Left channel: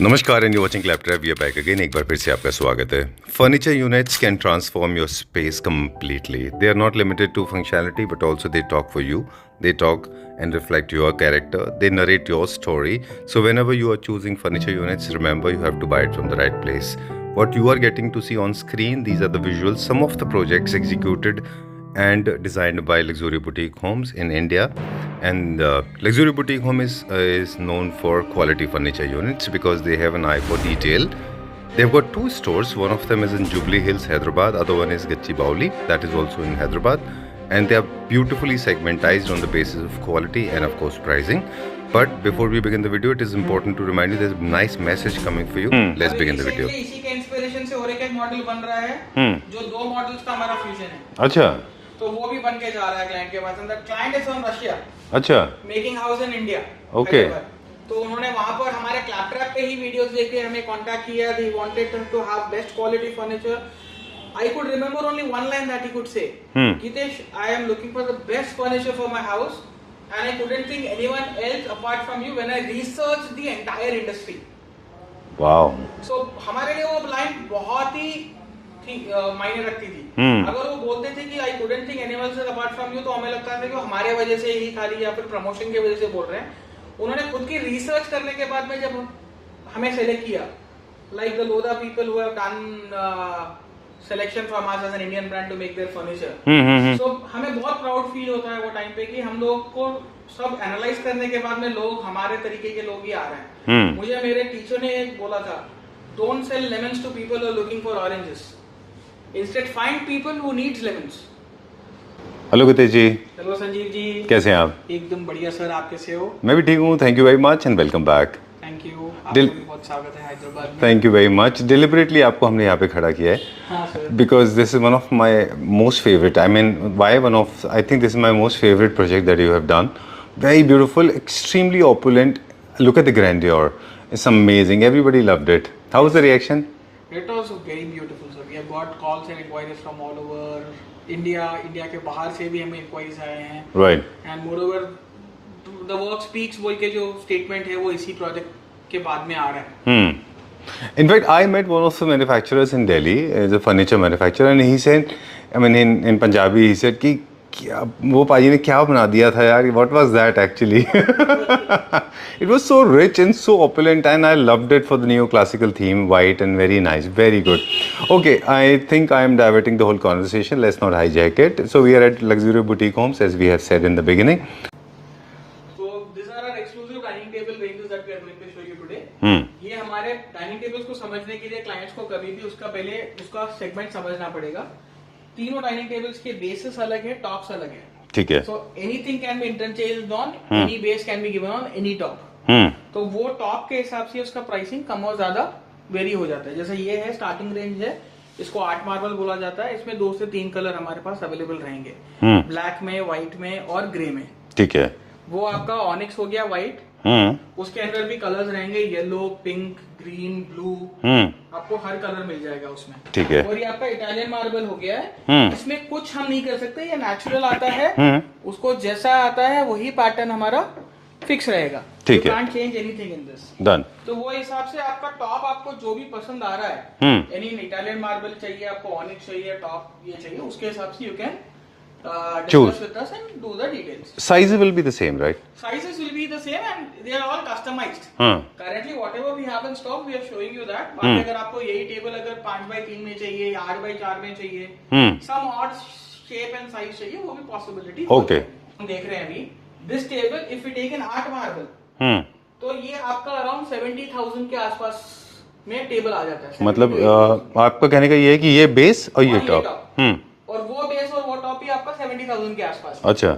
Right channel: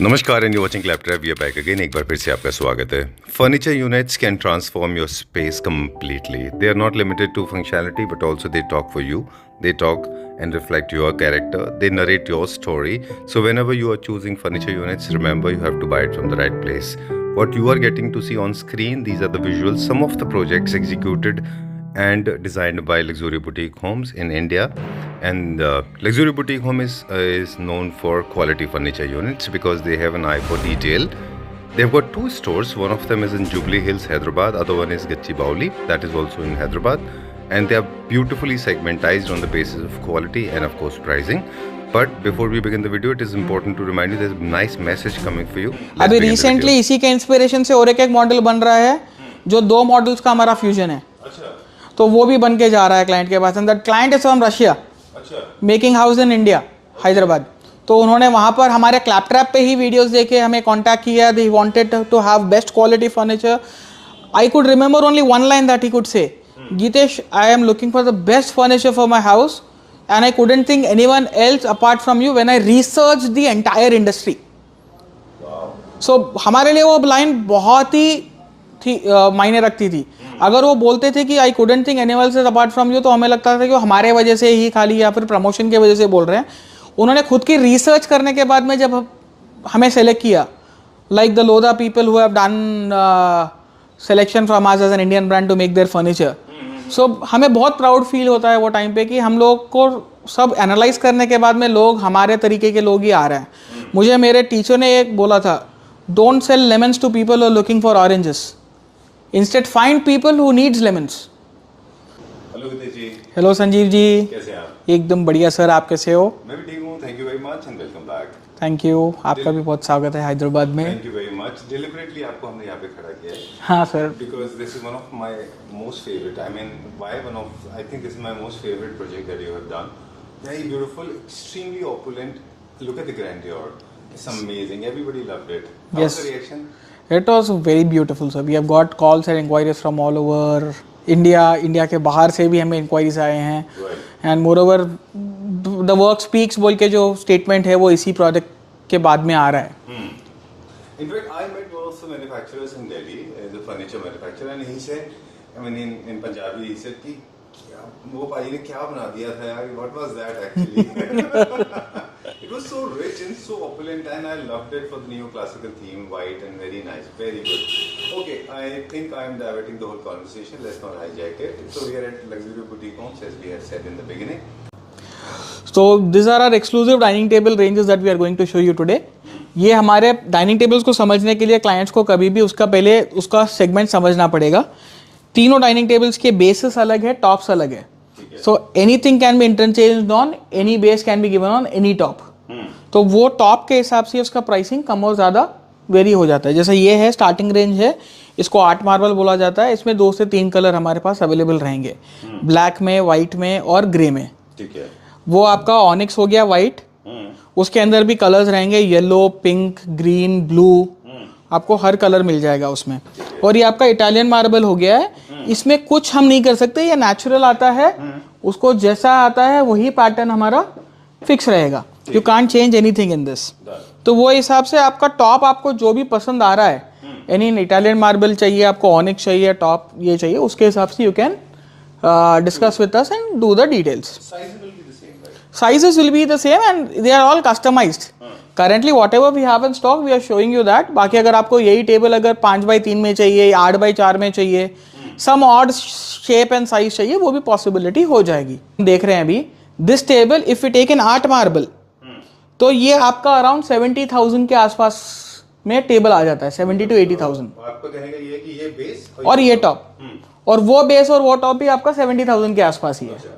नमस्कार and you watching claptrap we are back again. एक बार फिर से आपका स्वागत है। Furniture units can transform your space completely. They are not limited to functionality but also they talk for you. They talk and reflect your character. They narrate your story. So whenever you are choosing furniture units, remember you have to buy it from the right place. What you are getting to see on screen, these are the visuals. Some of the projects executed and designed by Luxury Boutique Homes in India. And Luxury Boutique Home is known for quality furniture units because they have an eye for detail. They've got two stores. One of them is in Jubilee Hills, Hyderabad. Other one is Gachibowli. That is also in Hyderabad. And they are beautifully segmentized on the basis of quality and of course pricing. But before we begin the video, it is important to remind you there's a nice message coming for you. Let's अभी begin the recently video. इसी के inspiration से और एक model बन रहा है जो दो मॉडल्स का हमारा फ्यूजन है। अच्छा तो वो भी बन के जा रहा है क्लाइंट के पास। And that client is from Russia, अच्छा making house in India, Hyderabad. तो उन्होंने वहां पर हमारे क्लैपट्रैप पे ही वीडियोस देखे हमें कांटेक्ट किया। They wanted to have best quality furniture. I could remember only one line that he could say, Geetesh, I am looking for the best furniture for my house and I couldn't think anyone else apart from you when I research the entire industry. Wow so हमारे लिए वो line बहुत ही मायने रखती थी। अगर वो बोलते थे कि आई couldn't think anyone else apart from you, तो हमें लगता था कि वो हमारे वजह से ही खाली या फिर प्रमोशन की वजह से बोल रहे हैं। उन्होंने खुद की रिसर्च करने के बाद में जब हमें सेलेक्ट किया, like the Lodha people who have done selection from us as an Indian brand to make their furniture, so हमें बहुत प्राउड फील होता है वो टाइम पे कि हम लोग को सब एनालाइज करने के बाद में लोग हमारे तरीके के लोग ही आ रहे हैं। मुझे मेरे टीचर ने एक बोला था, don't sell lemons to people who are looking for oranges, instead find people who needs lemons. Hello Geetesh ji, hello Sanjeev ji, कैसे हैं आप? एकदम बढ़िया सर, आप कैसे हो? मैं भी ठीक हूँ, thank you very much and welcome back. Thank you, आपका भी बहुत स्वागत है हैदराबाद में। Thank you very much. Deliberately आपको हमने यहाँ पे खड़ा किया है हाँ sir, because this is one of my most favourite, I mean why one of, I think this is my most favourite project that you have done. Very beautiful, extremely opulent, look at the grandeur, it's amazing, everybody loved it. How was the reaction? it was very beautiful sir. We have got calls and inquiries from all over India. India के बाहर से भी हमें inquiries आए हैं। Right and more over the work speaks बोल के जो स्टेटमेंट है वो इसी प्रोजेक्ट के बाद में आ रहा है। In fact, I met one of the manufacturers in Delhi, as a furniture manufacturer, and he said, I mean, in Punjabi, he said कि क्या वो पाजी ने क्या बना दिया था यार, what was that actually? It was so rich and so opulent, and I loved it for the neoclassical theme, white and very nice, very good. Okay, I think I am diverting the whole conversation. Let's not hijack it. So we are at Luxury Boutique Homes, as we have said in the beginning. So these are our exclusive dining table ranges that we are going to show you today. ये हमारे dining tables को समझने के लिए clients को कभी भी उसका पहले उसका सेगमेंट समझना पड़ेगा। तीनों डाइनिंग टेबल्स के बेसिस अलग है, टॉप्स अलग है। ठीक है। So anything can be interchanged on any base, can be given on any top. तो वो टॉप के हिसाब से उसका प्राइसिंग कम और ज्यादा वेरी हो जाता है। जैसे ये है स्टार्टिंग रेंज है, इसको आर्ट मार्बल बोला जाता है। इसमें 2 से 3 कलर हमारे पास अवेलेबल रहेंगे, ब्लैक में, व्हाइट में और ग्रे में। ठीक है। वो आपका ऑनिक्स हो गया व्हाइट, उसके अंदर भी कलर्स रहेंगे, येलो, पिंक, ग्रीन, ब्लू, आपको हर कलर मिल जाएगा उसमें। ठीक है। और ये आपका इटालियन मार्बल हो गया है। इसमें कुछ हम नहीं कर सकते, ये नेचुरल आता है, उसको जैसा आता है वही पैटर्न हमारा फिक्स रहेगा। You can't change anything in this. Done. तो वो हिसाब से आपका टॉप आपको जो भी पसंद आ रहा है, यानी इटालियन मार्बल चाहिए आपको, ऑनिक्स चाहिए, टॉप ये चाहिए, उसके हिसाब से you can discuss with us and do the details. Sizes will be the same, right? Sizes will be the same and they are all customized. Currently whatever we have in stock we are showing you that. बाकी अगर आपको यही table अगर 5x3 में चाहिए, 8x4 में चाहिए, some odd shape and size चाहिए, वो भी possibility हो जाएगी। देख रहे हैं अभी this table if we take an art marble, तो ये आपका अराउंड 70,000 के आसपास में टेबल आ जाता है, 70 to 80,000। आपका कहने का ये है कि ये बेस और ये टॉप, और वो बेस और वो टॉप भी आपका 70,000 के आसपास ही। अच्छा,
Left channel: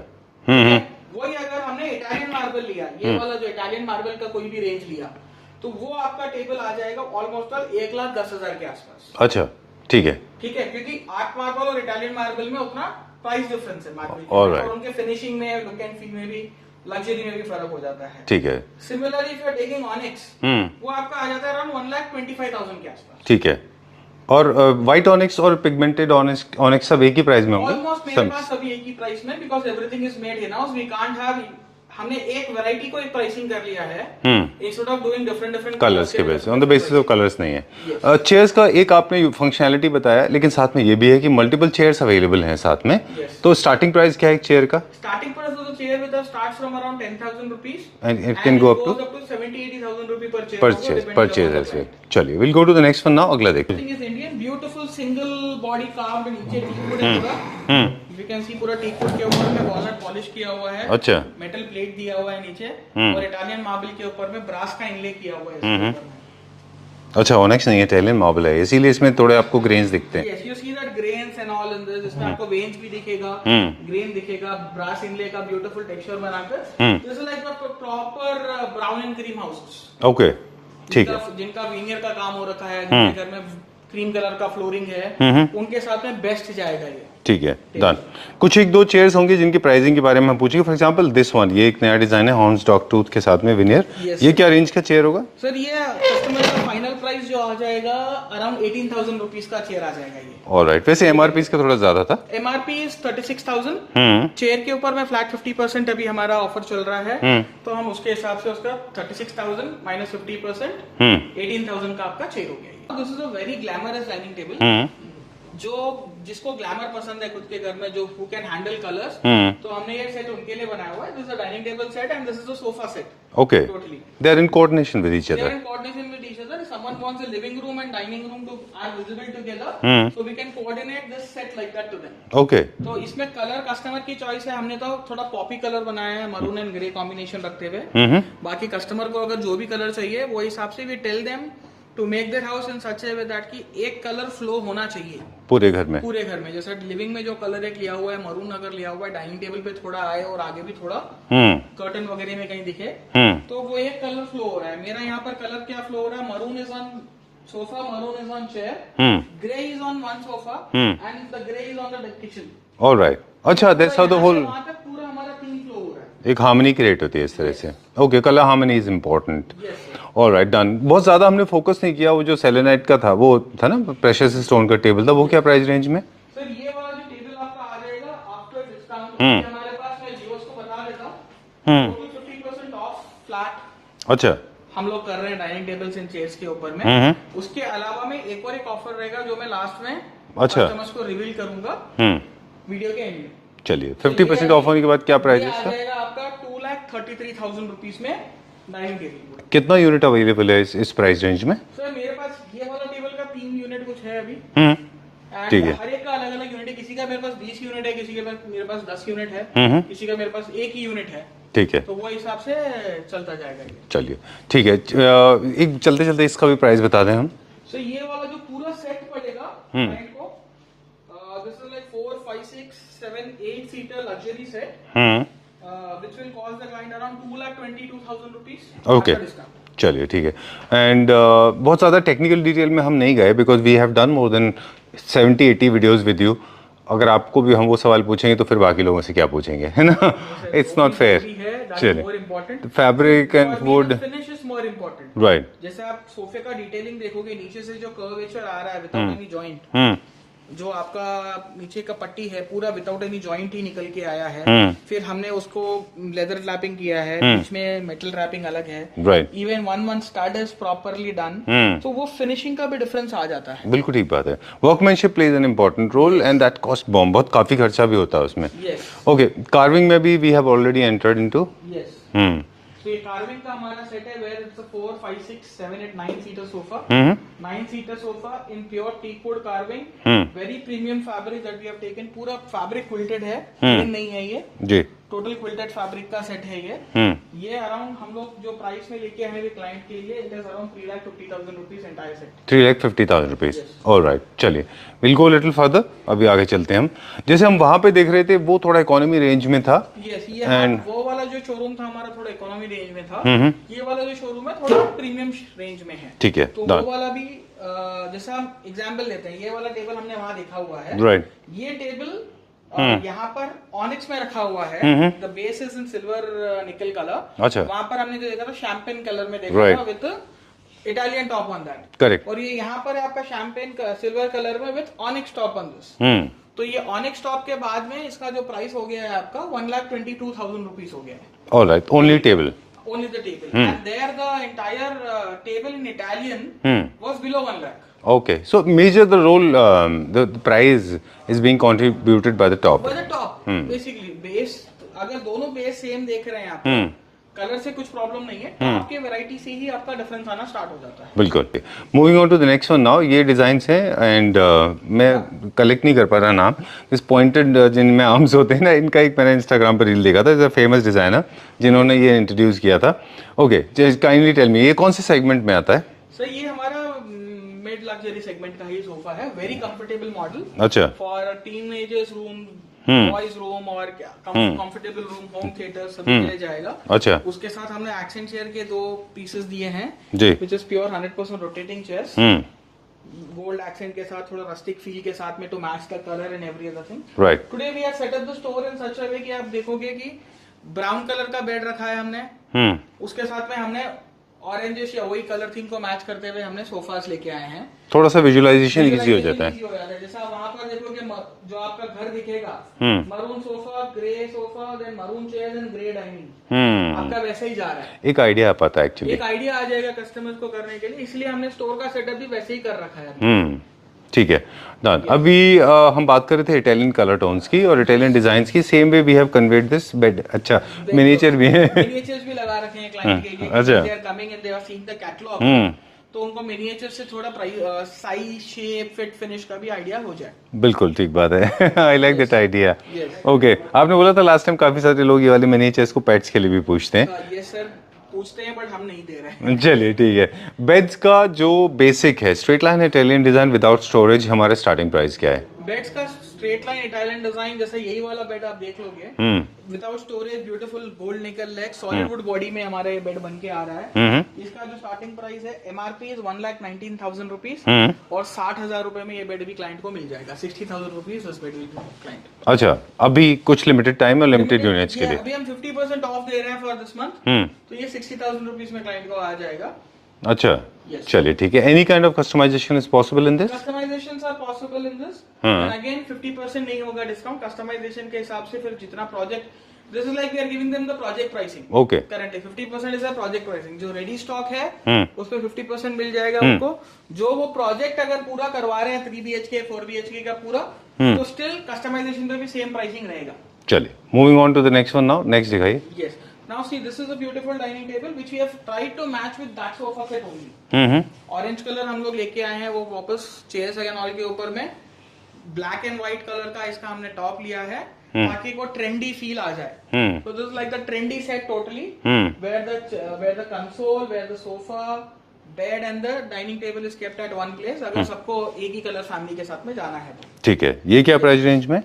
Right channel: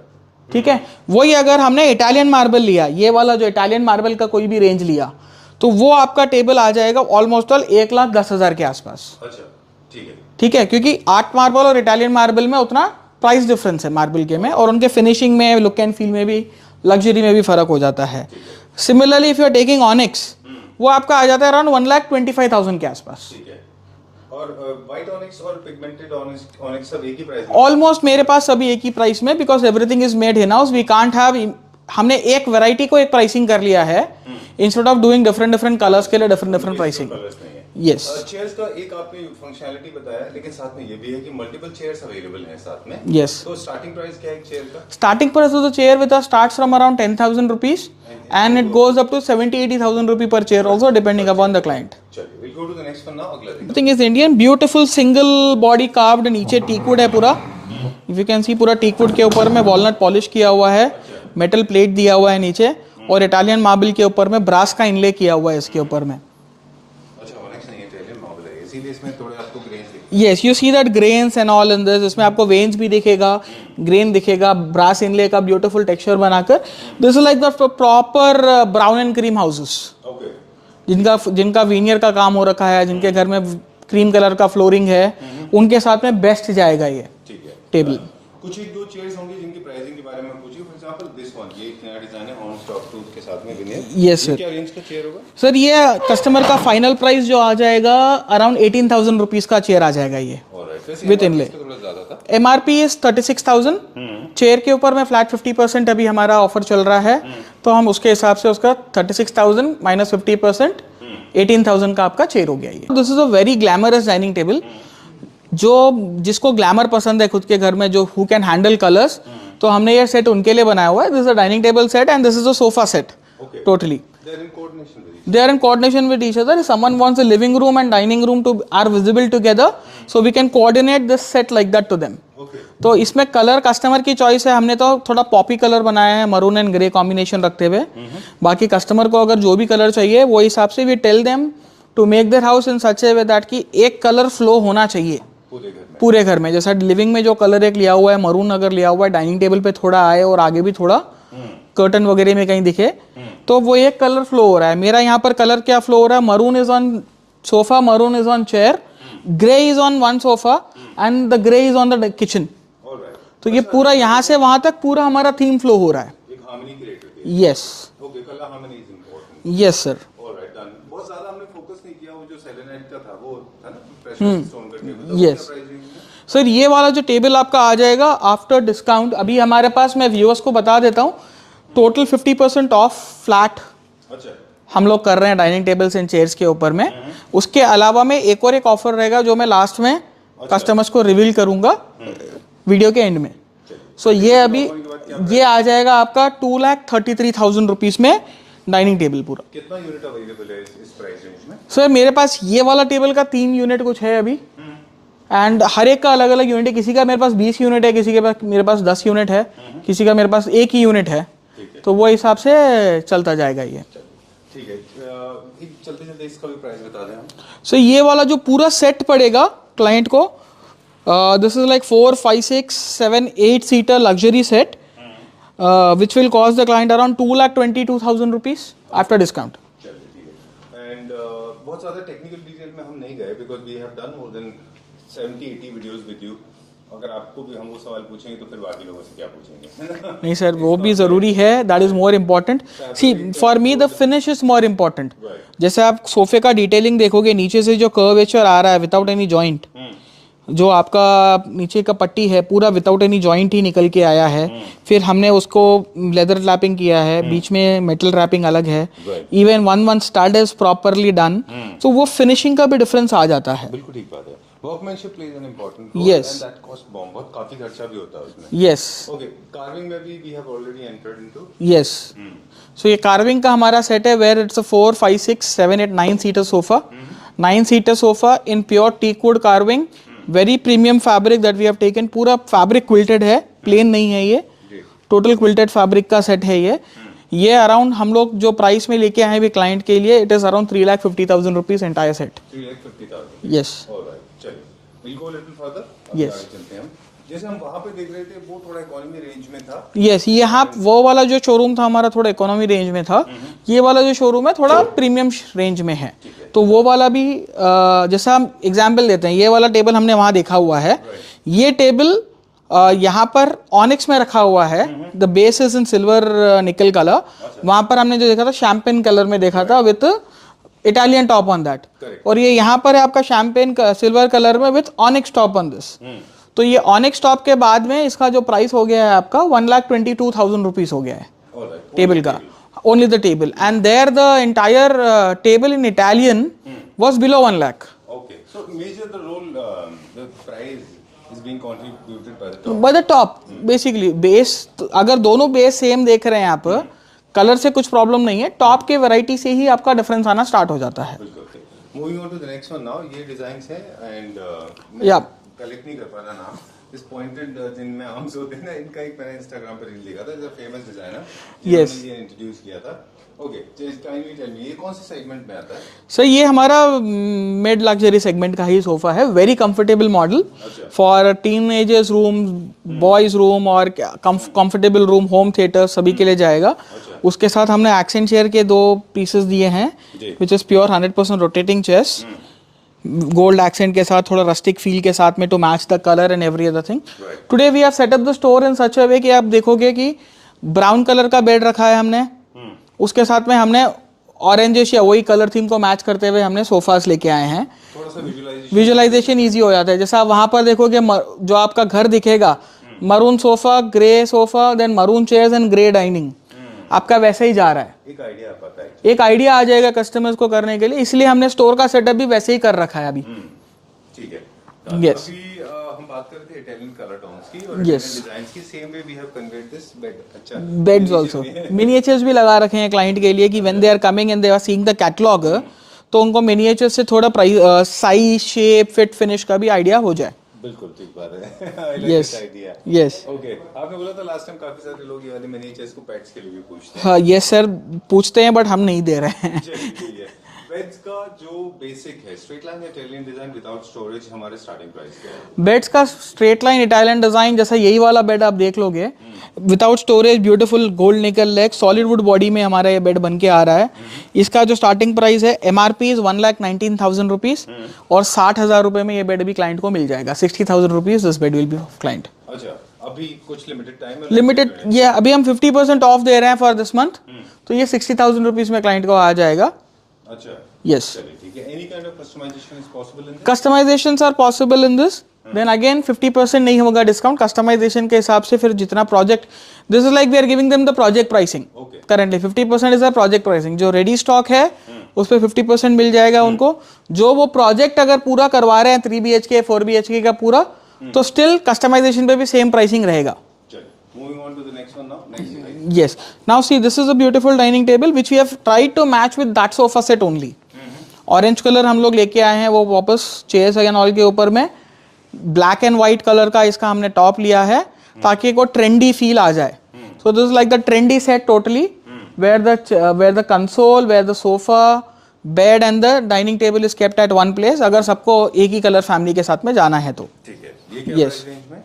ठीक है। वही अगर हमने इटालियन मार्बल लिया, ये वाला जो इटालियन मार्बल का कोई भी रेंज लिया, तो वो आपका टेबल आ जाएगा ऑलमोस्ट 1,10,000 के आसपास। अच्छा, ठीक है। ठीक है, क्योंकि आर्ट मार्बल और इटालियन मार्बल में उतना प्राइस डिफरेंस है मार्बल के में, और उनके फिनिशिंग में, लुक एंड फील में भी, लग्जरी में भी फर्क हो जाता है। ठीक है। Similarly if you are taking onyx, वो आपका आ जाता है अराउंड 1,25,000 के आसपास। ठीक है। और व्हाइट ऑनिक्स और पिगमेंटेड ऑनिक्स सब एक ही प्राइस में? ऑलमोस्ट मेरे पास सभी एक ही प्राइस में, because everything is made in house. We can't have हमने एक वैरायटी को एक प्राइसिंग कर लिया है instead of doing different colours के लिए डिफरेंट बेसिस कलर्स नहीं है। Yes. चेयर्स का एक आपने फंक्शनैलिटी बताया, लेकिन साथ में ये भी है कि मल्टीपल चेयर्स अवेलेबल हैं साथ में। Yes. तो स्टार्टिंग प्राइस क्या है एक चेयर का? Starting price of the chair with starts from around 10,000 rupees And and it goes up to 70,000-80,000 rupees per chair also depending upon the client. चलिए will go to the next one now, अगला देखते thing is Indian beautiful single body carved, नीचे teakwood है पूरा, if you can see पूरा teakwood के ऊपर में वॉलनट पॉलिश किया हुआ है, अच्छा। मेटल प्लेट दिया हुआ है नीचे, और इटालियन मार्बल के ऊपर में ब्रास का इनले किया हुआ है इसके ऊपर में। अच्छा, ओनेक्स नहीं है, इटालियन मार्बल है, इसीलिए इसमें थोड़े आपको ग्रेन्स दिखते हैं। Yes, you see that grains and all in this, इसमें आपको वेन्स भी दिखेगा, ग्रेन दिखेगा, ब्रास इनले का ब्यूटीफुल टेक्सचर बनाकर। This is like the proper brown and cream houses, okay, जिनका वीनियर का काम हो रखा है, जिनके घर में क्रीम कलर का फ्लोरिंग है, उनके साथ में बेस्ट जाएगा ये। ठीक है, टेबल। डन। कुछ एक दो चेयर्स होंगी जिनकी प्राइसिंग के बारे में हम पूछेंगे। फॉर एग्जांपल दिस वन, ये एक नया डिजाइन है हॉर्न्स डॉग टूथ के साथ में विनियर। Yes, ये sir. क्या रेंज का चेयर होगा? सर ये कस्टमर का फाइनल प्राइस जो आ जाएगा अराउंड 18,000 रुपीज का चेयर आ जाएगा ये। ऑलराइट, वैसे एमआरपी इसका थोड़ा ज्यादा था। MRP is 36,000। चेयर के ऊपर में फ्लैट 50% अभी हमारा ऑफर चल रहा है, तो हम उसके हिसाब से उसका 36,000 माइनस 50% 18,000 का आपका चेयर हो गया ये। This is a very glamorous dining table, जो जिसको ग्लैमर पसंद है खुद के घर में, जो हु कैन हैंडल कलर्स, तो हमने ये सेट उनके लिए बनाया हुआ है। This is a dining table set and this is a sofa set. Okay. Totally. They are in coordination with each other. They are in coordination with each other. If someone wants a living room and dining room to are visible together, so we can coordinate this set like that to them. Okay. तो इसमें colour customer की choice है, हमने तो थोड़ा Poppy colour बनाया है, maroon and grey combination रखते हुए। बाकी कस्टमर को अगर जो भी कलर चाहिए वो हिसाब से we tell them to make their house in such a way that कि एक कलर फ्लो होना चाहिए पूरे घर में। पूरे घर में। जैसा लिविंग में जो कलर एक लिया हुआ है मरून, अगर लिया हुआ है डाइनिंग टेबल पे थोड़ा आए और आगे भी थोड़ा कर्टन वगैरह में कहीं दिखे, तो वो एक कलर फ्लो हो रहा है। मेरा यहाँ पर कलर क्या फ्लो हो रहा है, maroon is on sofa, maroon is on chair, grey is on one sofa and the grey is on the kitchen. Alright, तो ये पूरा यहाँ से वहां तक पूरा हमारा थीम फ्लो हो रहा है। एक हार्मनी क्रिएट होती है इस तरह से। Okay, colour harmony is important. Yes sir. Alright, done. बहुत ज्यादा हमने फोकस नहीं किया, वो जो सेलेनाइट का था वो था ना, प्रेशियस स्टोन का टेबल था, वो क्या प्राइस रेंज में? सर ये वाला जो टेबल आपका आ जाएगा आफ्टर डिस्काउंट, अभी हमारे पास, मैं व्यूअर्स को बता देता हूँ, टोटल 50% ऑफ फ्लैट अच्छा हम लोग कर रहे हैं डाइनिंग टेबल्स एंड चेयर्स के ऊपर में। उसके अलावा में एक और एक ऑफर रहेगा जो मैं लास्ट में कस्टमर्स को रिवील करूंगा वीडियो के एंड में। चलिए, So, ये 50% अभी ऑफ होने के बाद क्या प्राइस? ये आ जाएगा आपका 2,33,000 रुपीज में डाइनिंग टेबल पूरा। कितना यूनिट अवेलेबल है इस प्राइस रेंज में? सर मेरे पास ये वाला टेबल का 3 यूनिट कुछ है अभी, एंड हर एक का अलग अलग यूनिट है। किसी का मेरे पास 20 यूनिट है, किसी के पास मेरे पास 10 यूनिट है, किसी का मेरे पास एक ही यूनिट है। ठीक है, तो वो हिसाब से चलता जाएगा ये। चलिए ठीक है। एक चलते चलते इसका भी प्राइस बता दें हम। सो ये वाला जो पूरा सेट पड़ेगा क्लाइंट को, this is like 4, 5, 6, 7, 8 seater luxury set, which will cost the client around 2,22,000 rupees after discount. चलिए ठीक है। एंड बहुत ज़्यादा टेक्निकल डिटेल में हम नहीं गए, because we have done more than 70-80 videos with you. अगर आपको भी हम वो सवाल पूछेंगे तो फिर बाकी लोगों से क्या पूछेंगे, है ना? नहीं सर, वो भी जरूरी है, that is more important. For me the finish is more important. Right, जैसे आप सोफे का डिटेलिंग देखोगे, नीचे से जो कर्वेचर आ रहा है विदाउट एनी जॉइंट, जो आपका नीचे का पट्टी है पूरा विदाउट एनी जॉइंट ही निकल के आया है। फिर हमने उसको लेदर रैपिंग किया है, बीच में मेटल रैपिंग अलग है, even one stud is properly done, तो वो फिनिशिंग का भी डिफरेंस आ जाता है। बिल्कुल ठीक बात है। Workmanship plays an important role and that cost bomb, बहुत काफी खर्चा भी होता है उसमें। यस, ओके, कार्विंग में भी we have already entered into. Yes, so ये कार्विंग का हमारा सेट है, where it's a 4, 5, 6, 7, 8, 9 seater sofa, 9 seater sofa in pure teakwood carving, very premium fabric that we have taken. पूरा फैब्रिक क्विल्टेड है, plain नहीं है ये जी, टोटल क्विल्टेड फैब्रिक का सेट है ये अराउंड हम लोग जो प्राइस में लेके आए हैं क्लाइंट के लिए, it is around 3,50,000 rupees entire set. 3,50,000 rupees. Yes. Alright, चलिए विल गो लिटिल फर्दर। अभी आगे चलते हैं हम। जैसे हम वहां पे देख रहे थे वो थोड़ा इकोनॉमी रेंज में था। यस, यहाँ वो वाला जो शोरूम था हमारा थोड़ा इकोनॉमी रेंज में था, ये वाला जो शोरूम है थोड़ा प्रीमियम रेंज में है। ठीक है, तो वो वाला भी जैसा हम एग्जाम्पल देते हैं, ये वाला टेबल हमने वहां देखा हुआ है। ये टेबल यहाँ पर ऑनिक्स में रखा हुआ है, the base is in silver निकल कलर। वहां पर हमने जो देखा था शैंपेन कलर में देखा था with Italian top on that. Correct. और ये यहाँ पर है आपका शैंपेन सिल्वर कलर में with onyx top on this. तो ये ऑनिक्स टॉप के बाद में इसका जो प्राइस हो गया है आपका 1,22,000 रुपीज हो गया है। Alright, only table. Only the table. And there the entire table in Italian was below 1 lakh. Okay, so major the role, the price is being contributed by the top. By the top, basically base. अगर दोनों base same देख रहे हैं आप, colour से कुछ problem नहीं है, टॉप के वैरायटी से ही आपका डिफरेंस आना स्टार्ट हो जाता है. बिल्कुल. Moving on to the next one now. ये डिजाइन्स हैं एंड मैं कलेक्ट नहीं कर पा रहा नाम. इस पॉइंटेड जिनमें आर्म्स होते हैं ना, इनका एक मैंने इंस्टाग्राम पर रील देखा था. इज अ फेमस डिजाइनर जिन्होंने ये इंट्रोड्यूस किया था. ओके, काइंडली टेल मी ये कौन से सेगमेंट में आता है? सर ये हमारा मिड लग्जरी सेगमेंट का ही सोफा है. Very comfortable model. अच्छा. For teenagers room, boys room और कंफर्टेबल रूम, होम थिएटर सभी के लिए जाएगा. अच्छा. उसके साथ हमने एक्सेंट चेयर के 2 पीसेस दिए हैं, which is pure 100% rotating chairs. Gold accent के साथ, थोड़ा रस्टिक फील के साथ में, to match the colour and every other thing. Today we have set up the store in such a way कि आप देखोगे कि ब्राउन कलर का बेड रखा है हमने. उसके साथ में हमने ऑरेंजिश या वही कलर थीम को मैच करते हुए हमने सोफास लेके आए हैं. थोड़ा सा विजुअलाइजेशन इजी हो जाता है. जैसा वहां पर देखोगे जो आपका घर दिखेगा, maroon sofa, grey sofa, then maroon chairs and grey dining, आपका वैसे ही जा रहा है. एक आइडिया आता है एक्चुअली. एक आइडिया आ जाएगा कस्टमर्स को करने के लिए, इसलिए हमने स्टोर का सेटअप भी वैसे ही कर रखा है अभी. ठीक है. अभी हम बात कर रहे थे इटालियन कलर टोन्स की और इटालियन डिजाइन्स की. Same way we have conveyed this bed. अच्छा, मिनिएचर भी है. मिनिएचर्स भी लगा रखे हैं क्लाइंट के लिए कि when they are coming and they are seeing the catalogue, तो उनको मिनिएचर से थोड़ा साइज, शेप, फिट, फिनिश का भी आइडिया हो जाए. बिल्कुल ठीक बात है. I like that idea. Yes. Okay, आपने बोला था लास्ट टाइम काफी सारे लोग ये वाले मिनिएचर्स को पेट्स के लिए भी पूछते हैं. यस सर, पूछते हैं बट हम नहीं दे रहे हैं. चलिए ठीक है. बेड्स का जो बेसिक है straight line Italian design without storage, हमारे स्टार्टिंग प्राइस क्या है? बेड्स का स्ट्रेट लाइन इटालियन डिजाइन जैसा यही वाला बेड आप देख लोगे, विदाउट स्टोरेज, ब्यूटीफुल गोल्ड निकल लेग, सॉलिड वुड बॉडी में हमारा ये बेड बन के आ रहा है. इसका जो स्टार्टिंग प्राइस है MRP इज 1,19,000 रुपीज और 60,000 रुपए में ये बेड भी क्लाइंट को मिल जाएगा. 60,000 rupees this bed will be of client. अच्छा, अभी कुछ लिमिटेड टाइम और लिमिटेड यूनिट्स. ये अभी हम 50% ऑफ दे रहे हैं फॉर दिस मंथ, तो ये 60,000 रुपीज में क्लाइंट को आ जाएगा. अच्छा. Yes. चलिए ठीक है. Any kind of customisation is possible in this? Customisations are possible in this. Then again 50% नहीं होगा डिस्काउंट. कस्टमाइजेशन के हिसाब से फिर जितना project, this is like we are giving them the project pricing. Okay. Currently 50% is a project pricing. जो ready stock है उस पे 50% मिल जाएगा उनको. जो वो प्रोजेक्ट अगर पूरा करवा रहे हैं 3 BHK 4 BHK का पूरा, तो स्टिल कस्टमाइजेशन पे भी सेम प्राइसिंग रहेगा. चलिए, moving on to the next one now. Next दिखाइए. Yes. Now see, this is a beautiful dining table which we have tried to match with that sofa set only. Orange color हम लोग लेके आए हैं, वो वापस chairs एंड ऑल के ऊपर में ब्लैक एंड व्हाइट कलर का इसका हमने टॉप लिया है ताकि एक ट्रेंडी फील आ जाए. So this is like the trendy set totally, where the console, where the sofa, bed and the dining table is kept at one place. अगर सबको एक ही कलर फैमिली के साथ में जाना है तो ठीक है. ये क्या प्राइस रेंज में?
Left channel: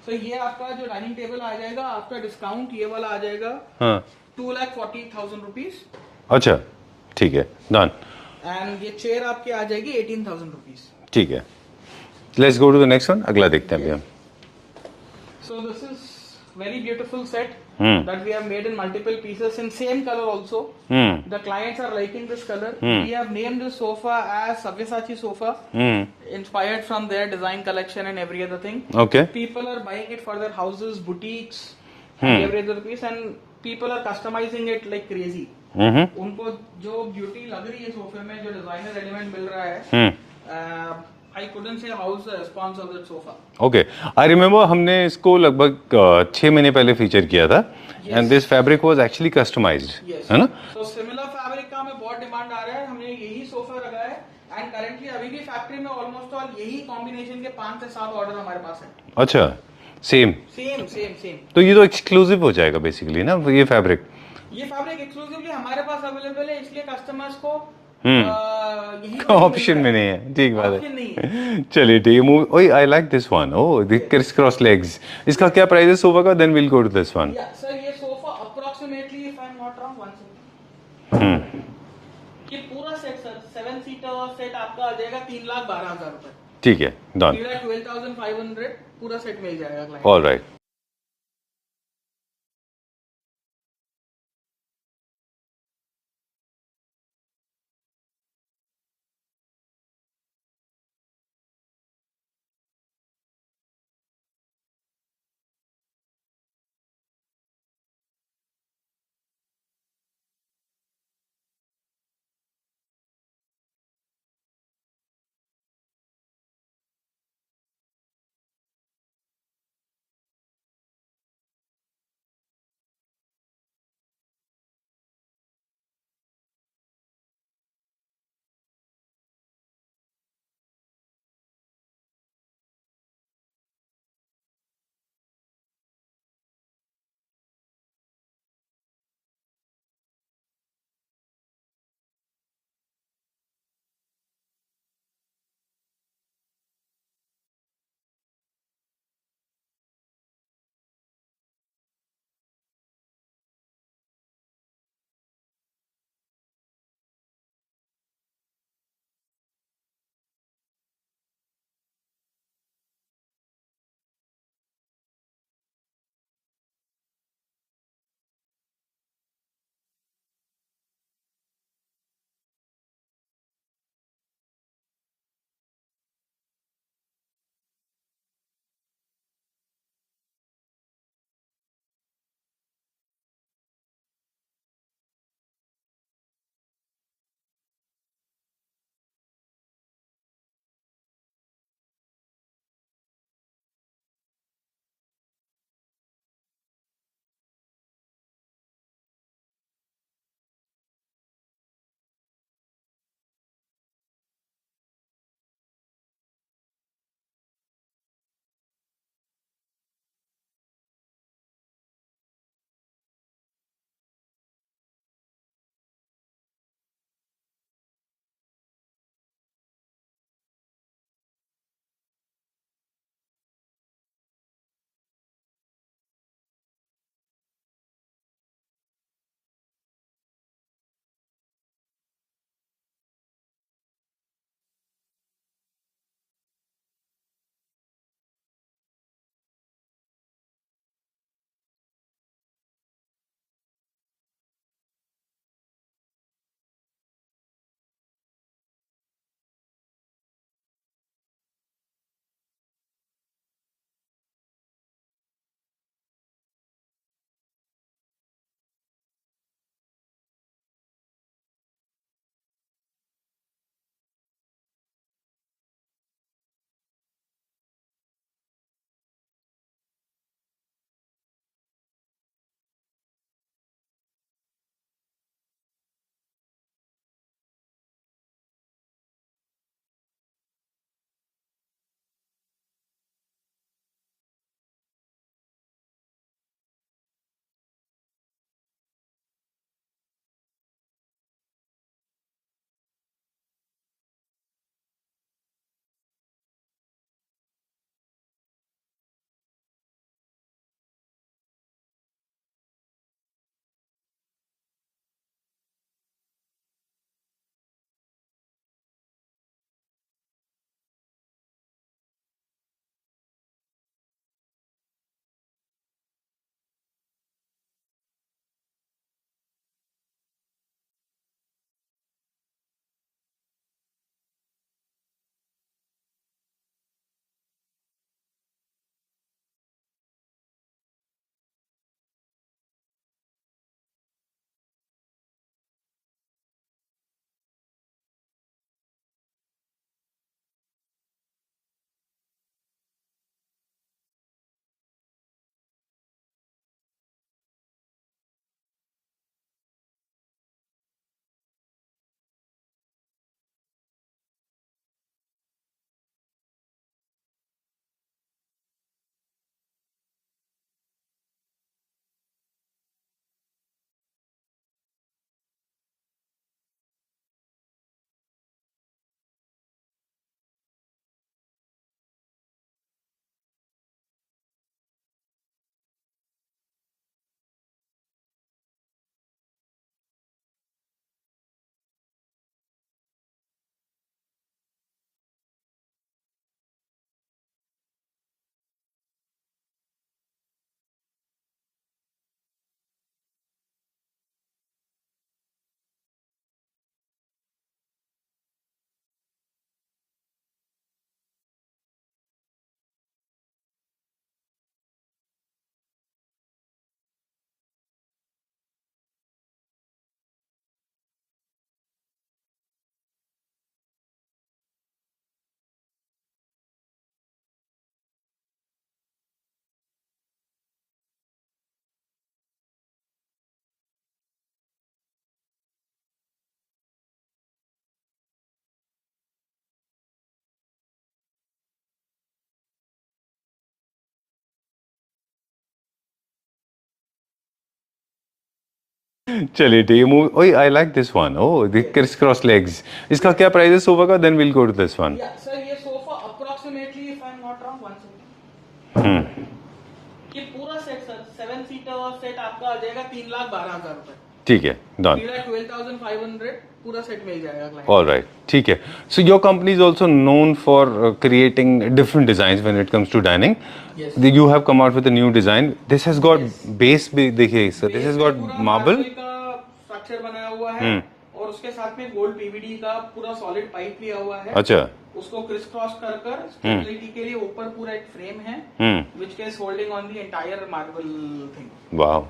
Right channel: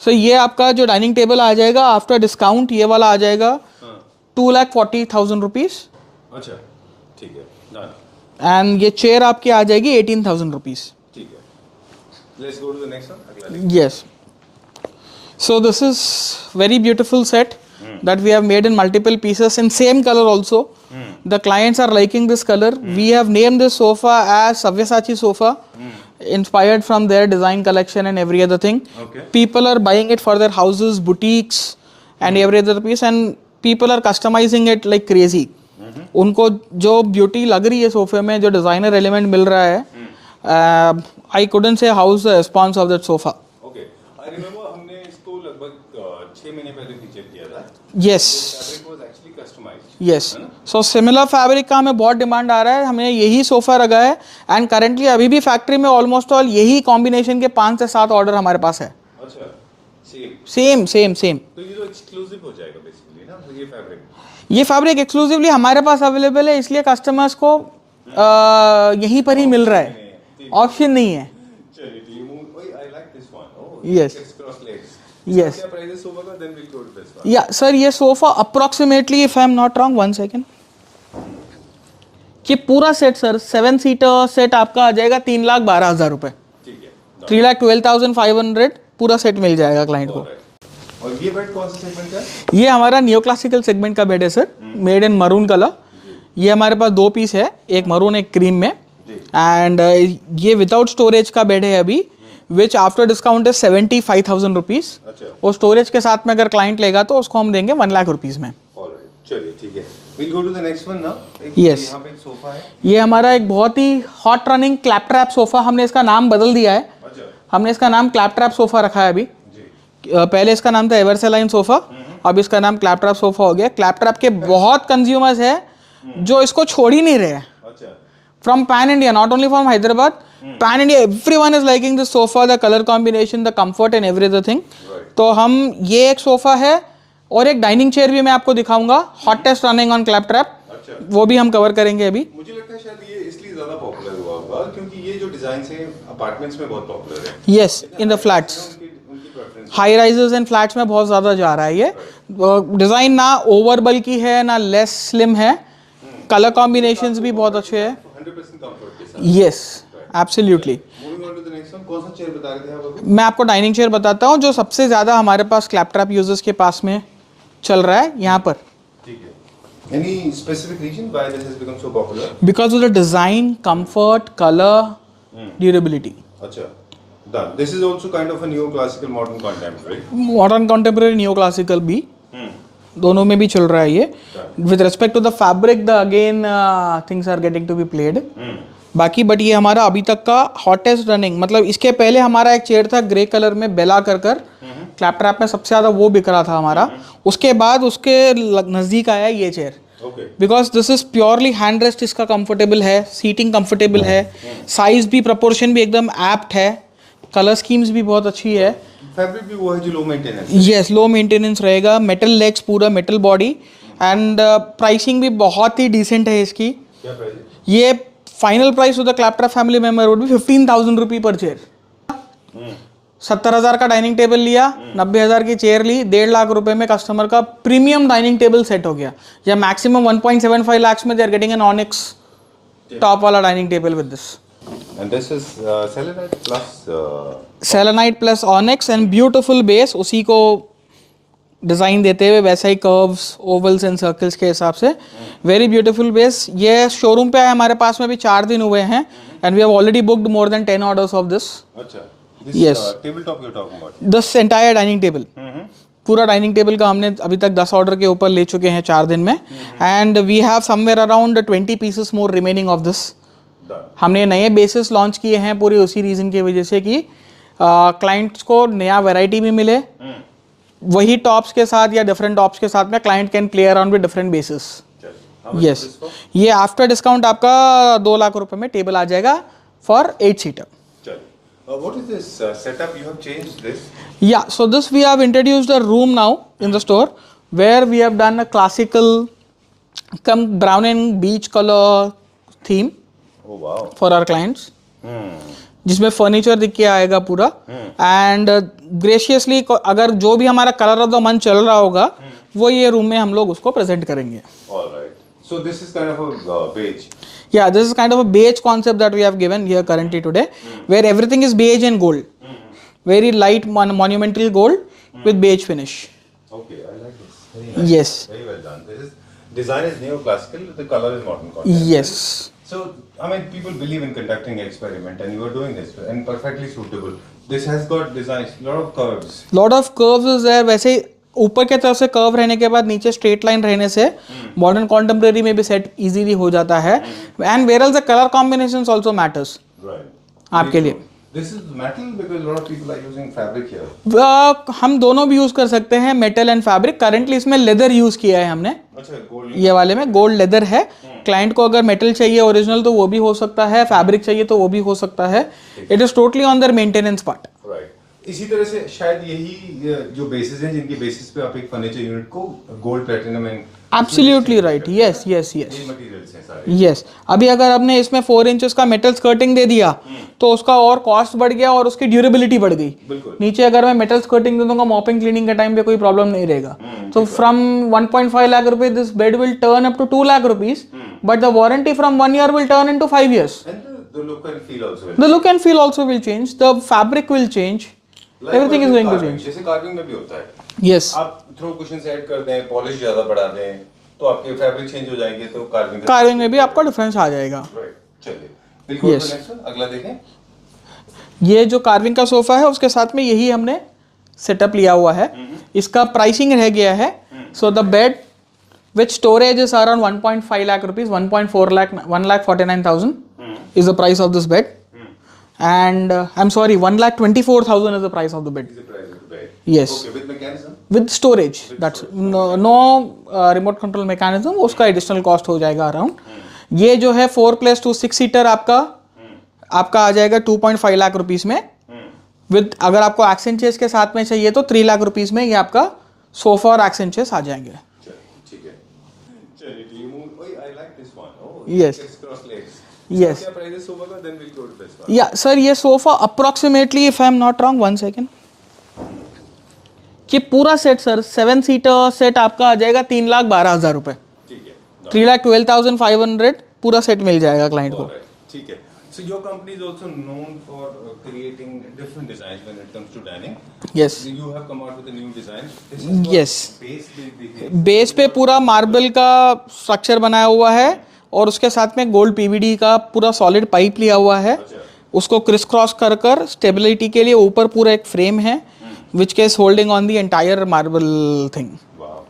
सो ये आपका जो डाइनिंग टेबल आ जाएगा आफ्टर डिस्काउंट, ये वाला आ जाएगा 2,40,000 रुपीज. अच्छा ठीक है, डन. एंड ये चेयर आपकी आ जाएगी 18,000 रुपीज. ठीक है. Let's go to the next one. अगला देखते हैं. Yes. So this is very beautiful set that we have made in multiple pieces in same color also. The clients are liking this color. We have named this sofa as Sabyasachi sofa, inspired from their design collection and every other thing. Okay. People are buying it for their houses, boutiques and every other piece, and people are customizing it like crazy. उनको जो beauty लग रही है सोफे में, जो designer element मिल रहा है, I couldn't say how's the response of that sofa. Okay, I remember हमने इसको लगभग 6 महीने पहले फीचर किया था. Yes. And this fabric was actually customized. Yes. है ना? So similar fabric का हमें बहुत डिमांड आ रहा है. हमने यही सोफा रखा है एंड करेंटली अभी भी फैक्ट्री में ऑलमोस्ट ऑल यही कॉम्बिनेशन के 5 से 7 ऑर्डर हमारे पास है. अच्छा, सेम. तो ये तो एक्सक्लूसिव हो जाएगा बेसिकली ना ये फैब्रिक. ये फैब्रिक एक्सक्लूसिवली हमारे पास अवेलेबल है, इसलिए कस्टमर्स को यहीं पर ही मिल रहा है. ऑप्शन नहीं है. चलिए ठीक है. Oh, I like this one. Oh, this criss cross legs. इसका क्या प्राइस है सोफा का? Then will go to this one. Yeah sir, ये sofa approximately, if I am not wrong, 1 second, कि पूरा सेट सर 7 सीटर सेट आपका आ जाएगा 3,12,000 रुपए. ठीक है, 3,12,500 पूरा सेट मिल जाएगा क्लाइंट. ऑलराइट. और ये बेड कौन सा सेगमेंट का है? ये हमारा नियो क्लासिकल सेगमेंट का बेड है sir, made in maroon colour. ये हमारे पास 2 पीस है, एक मरून एक क्रीम में. एंड ये विदाउट स्टोरेज का बेड है अभी, विच आफ्टर डिस्काउंट है 75,000 रुपीज. और स्टोरेज के साथ में अगर क्लाइंट लेगा तो उसको हम देंगे 1 लाख रुपीज में. चलिए ठीक है, we'll go to the next one now. Yes. यहाँ पे एक सोफा है. ये हमारा एक बहुत ही hot running Claptrap sofa, हमने इसका नाम बदल दिया है। अच्छा. हमने इसका नाम क्लैप ट्रैप सोफा रखा है अभी। पहले इसका नाम था एवरसेलाइन सोफा, अब इसका नाम क्लैप ट्रैप सोफा हो गया। क्लैप ट्रैप के बहुत कंज्यूमर्स है जो इसको छोड़ ही नहीं रहे हैं। अच्छा. From pan India, not only from Hyderabad, pan India, everyone is liking this sofa, the color combination, the comfort and every other thing. Right. तो हम ये एक सोफा है और एक डाइनिंग चेयर भी मैं आपको दिखाऊंगा, hottest running on clap trap, अच्छा. वो भी हम कवर करेंगे अभी। मुझे लगता है शायद ये इसलिए ज्यादा पॉपुलर हुआ होगा क्योंकि ये जो डिजाइन है अपार्टमेंट्स में बहुत पॉपुलर है. यस, इन द फ्लैट्स, उनकी preference. High rises and flats में बहुत ज़्यादा जा रहा है ये। डिज़ाइन ना ओवर बल्की है ना लेस स्लिम है, कलर कॉम्बिनेशंस भी बहुत अच्छे हैं। 100% कंफर्ट के साथ. Yes, absolutely. Moving on to the next one, कौन सा चेयर बता रहे थे आप अभी? मैं आपको डाइनिंग चेयर बताता हूँ जो सबसे ज़्यादा हमारे पास क्लैप ट्रैप यूजर्स के पास में चल रहा है यहाँ पर, ठीक है. Any specific reason why this has become so popular? Because of the design, comfort, colour, durability. अच्छा. Done. This is also kind of a neoclassical modern contemporary. Modern contemporary new classical भी दोनों में भी चल रहा है ये। With respect to the fabric the again things are getting to be played बाकी, बट ये हमारा अभी तक का हॉटेस्ट रनिंग, मतलब इसके पहले हमारा एक चेयर था ग्रे कलर में बेला कर क्लैप ट्रैप में सबसे ज़्यादा वो बिक रहा था हमारा। उसके बाद उसके नज़दीक आया ये chair, Okay. Because this is purely hand rest, इसका कंफर्टेबल है, सीटिंग कंफर्टेबल है, साइज भी प्रोपोर्शन भी एकदम एप्ट है, कलर स्कीम्स भी बहुत अच्छी है। फैब्रिक भी वो है जो low maintenance. Yes, low maintenance रहेगा, मेटल लेग्स, पूरा मेटल बॉडी, एंड प्राइसिंग भी बहुत ही डिसेंट है इसकी। क्या प्राइस है? ये final price to the clap trap family member would be 15,000 rupee पर चेयर। 70,000 का डाइनिंग टेबल लिया, 90,000 की चेयर ली, 1.5 लाख रुपए में कस्टमर का प्रीमियम डाइनिंग टेबल सेट हो गया, या मैक्सिमम 1.75 lakhs में they are getting an onyx top वाला dining table with this. And this is selenite plus. Selenite plus onyx and beautiful base, उसी को डिज़ाइन देते हुए वैसा ही कर्व्स, ओवल्स एंड सर्कल्स के हिसाब से, वेरी ब्यूटीफुल बेस। ये शोरूम पे है हमारे पास में भी 4 दिन हुए हैं, and we have already booked more than 10 orders of this. अच्छा. This Yes. Table top you're talking about. This entire dining table, पूरा डाइनिंग टेबल का हमने अभी तक 10 ऑर्डर के ऊपर ले चुके हैं 4 दिन में, and we have somewhere around 20 pieces more remaining of this. Done. हमने नए बेसिस लॉन्च किए हैं पूरी उसी रीज़न की वजह से कि क्लाइंट्स को नया वैरायटी भी मिले, वही टॉप्स के साथ या डिफरेंट टॉप्स के साथ में client can play around with different basis. How much yes, is this for? ये आफ्टर डिस्काउंट आपका 2 लाख रुपए में टेबल आ जाएगा फॉर 8 सीटर। चलिए. What is this setup? You have changed this. Yeah, so this we have introduced a room now in the store where we have done a classical come brown and beige color theme Oh wow. for our clients, जिसमें furniture दिख के आएगा पूरा, and graciously अगर जो भी हमारा colour of the month चल रहा होगा वो ये रूम में हम लोग उसको प्रेजेंट करेंगे। All right. So this is kind of a beige. Yeah, this is kind of a beige concept that we have given here currently today, where everything is beige and gold, very light monumental gold with beige finish. Okay, I like this. Very nice. Yes, Very well done. This is design is neoclassical. The color is modern contemporary. yes. So I mean, people believe in conducting experiment, and you are doing this, and perfectly suitable. This has got designs, lot of curves. Lot of curves is there, वैसे ऊपर के तरफ से curve रहने के बाद नीचे straight line रहने से मॉडर्न कॉन्टेम्प्रेरी में भी सेट इजीली हो जाता है, and where else the colour combinations also matters Right. आपके लिए। This is metal because a lot of people are using fabric here. हम दोनों भी यूज कर सकते हैं, मेटल एंड फैब्रिक। करंटली इसमें लेदर यूज किया है हमने, अच्छा, gold. ये वाले में गोल्ड लेदर है। क्लाइंट को अगर मेटल चाहिए ओरिजिनल तो वो भी हो सकता है, फैब्रिक चाहिए तो वो भी हो सकता है। It is totally on their maintenance part. Right. इसी तरह से शायद यही जो बेसिस हैं जिनके बेसिस पे आप एक फर्नीचर यूनिट को gold platinum and absolutely right, yes yes yes ये मटेरियल्स हैं सारे. यस। अभी अगर आपने इसमें 4 इंचेस का मेटल स्कर्टिंग दे दिया तो उसका और कॉस्ट बढ़ गया और उसकी ड्यूरेबिलिटी बढ़ गई। बिल्कुल. नीचे अगर मैं मेटल स्कर्टिंग दे दूंगा मॉपिंग क्लीनिंग के टाइम पे कोई प्रॉब्लम नहीं रहेगा। तो फ्रॉम 1.5 लाख रुपए this bed will turn up to 2 lakh rupees, but the warranty from 1 year will turn into 5 years. And the look and feel also will. The look and feel also will change, the fabric will change, Likewise everything is with going to carving. change. जैसे carving में भी होता है, Yes, आप throw cushion add कर दें, polish ज्यादा बढ़ा दें, तो आपके फैब्रिक चेंज हो जाएंगे, तो कार्विंग कार्विंग में भी आपका डिफरेंस आ जाएगा। राइट. चलिए बिल्कुल. Yes. नेक्स्ट अगला देखें. ये जो कार्विंग का सोफा है उसके साथ में यही हमने सेटअप लिया हुआ है। इसका प्राइसिंग रह गया है। So the bed with storage is around 1.5 lakh rupees, 1.4 lakh, 1,49,000 is the price of this bed. And I'm sorry, 1,24,000 is the price of the bed. Yes. Okay, with mechanism? With storage. That's no remote control mechanism. उसका additional cost हो जाएगा around. ये जो है 4+2 6 seater आपका आ जाएगा 2.5 lakh rupees में. विद अगर आपको एक्सेंट चेयर्स के साथ में चाहिए तो 3 लाख रुपीस में ये आपका सोफा और एक्सेंट चेयर्स आ जाएंगे. चलिए ठीक है. Move. Oh I like this one. Oh this criss cross legs. इसका क्या प्राइस है सोफा का? Then will go to this one. Yeah sir ये sofa approximately if I am not wrong 1 second कि पूरा सेट सर 7 सीटर सेट आपका आ जाएगा 3,12,000 रुपए. ठीक है. 3,12,500 पूरा सेट मिल जाएगा क्लाइंट. ऑलराइट. ठीक है. So your company is also known for creating different designs when it comes to dining. Yes. You have come out with a new design. This has got base भी देखिए. Base पे पूरा marble का structure बनाया हुआ है और उसके साथ में गोल्ड पीवीडी का पूरा सॉलिड पाइप लिया हुआ है. अच्छा. उसको क्रिस क्रॉस कर कर स्टेबिलिटी के लिए ऊपर पूरा एक फ्रेम है which case holding on the entire marble thing. Wow.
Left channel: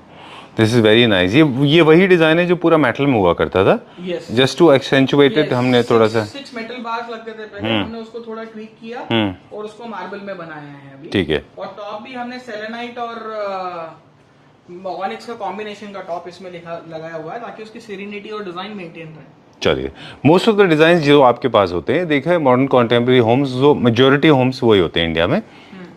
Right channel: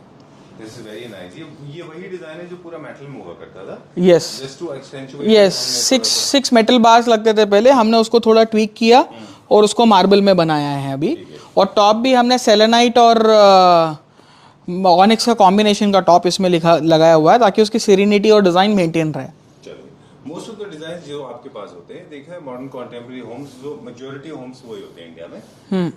This is very nice. ये वही डिजाइन है जो पूरा मेटल में हुआ करता था. Yes. Just to accentuate it हमने थोड़ा सा 6 मेटल बार्स लगते थे पहले. हमने उसको थोड़ा ट्वीक किया और उसको मार्बल में बनाया है अभी. ठीक है. और टॉप भी हमने सेलेनाइट और ऑनिक्स का कॉम्बिनेशन का टॉप इसमें लगाया हुआ है ताकि उसकी सेरेनिटी और डिजाइन मेंटेन रहे. चलिए. मोस्ट ऑफ द डिजाइन जो आपके पास होते हैं देखा है मॉडर्न कॉन्टेम्पररी होम्स जो मेजोरिटी होम्स वही होते हैं इंडिया में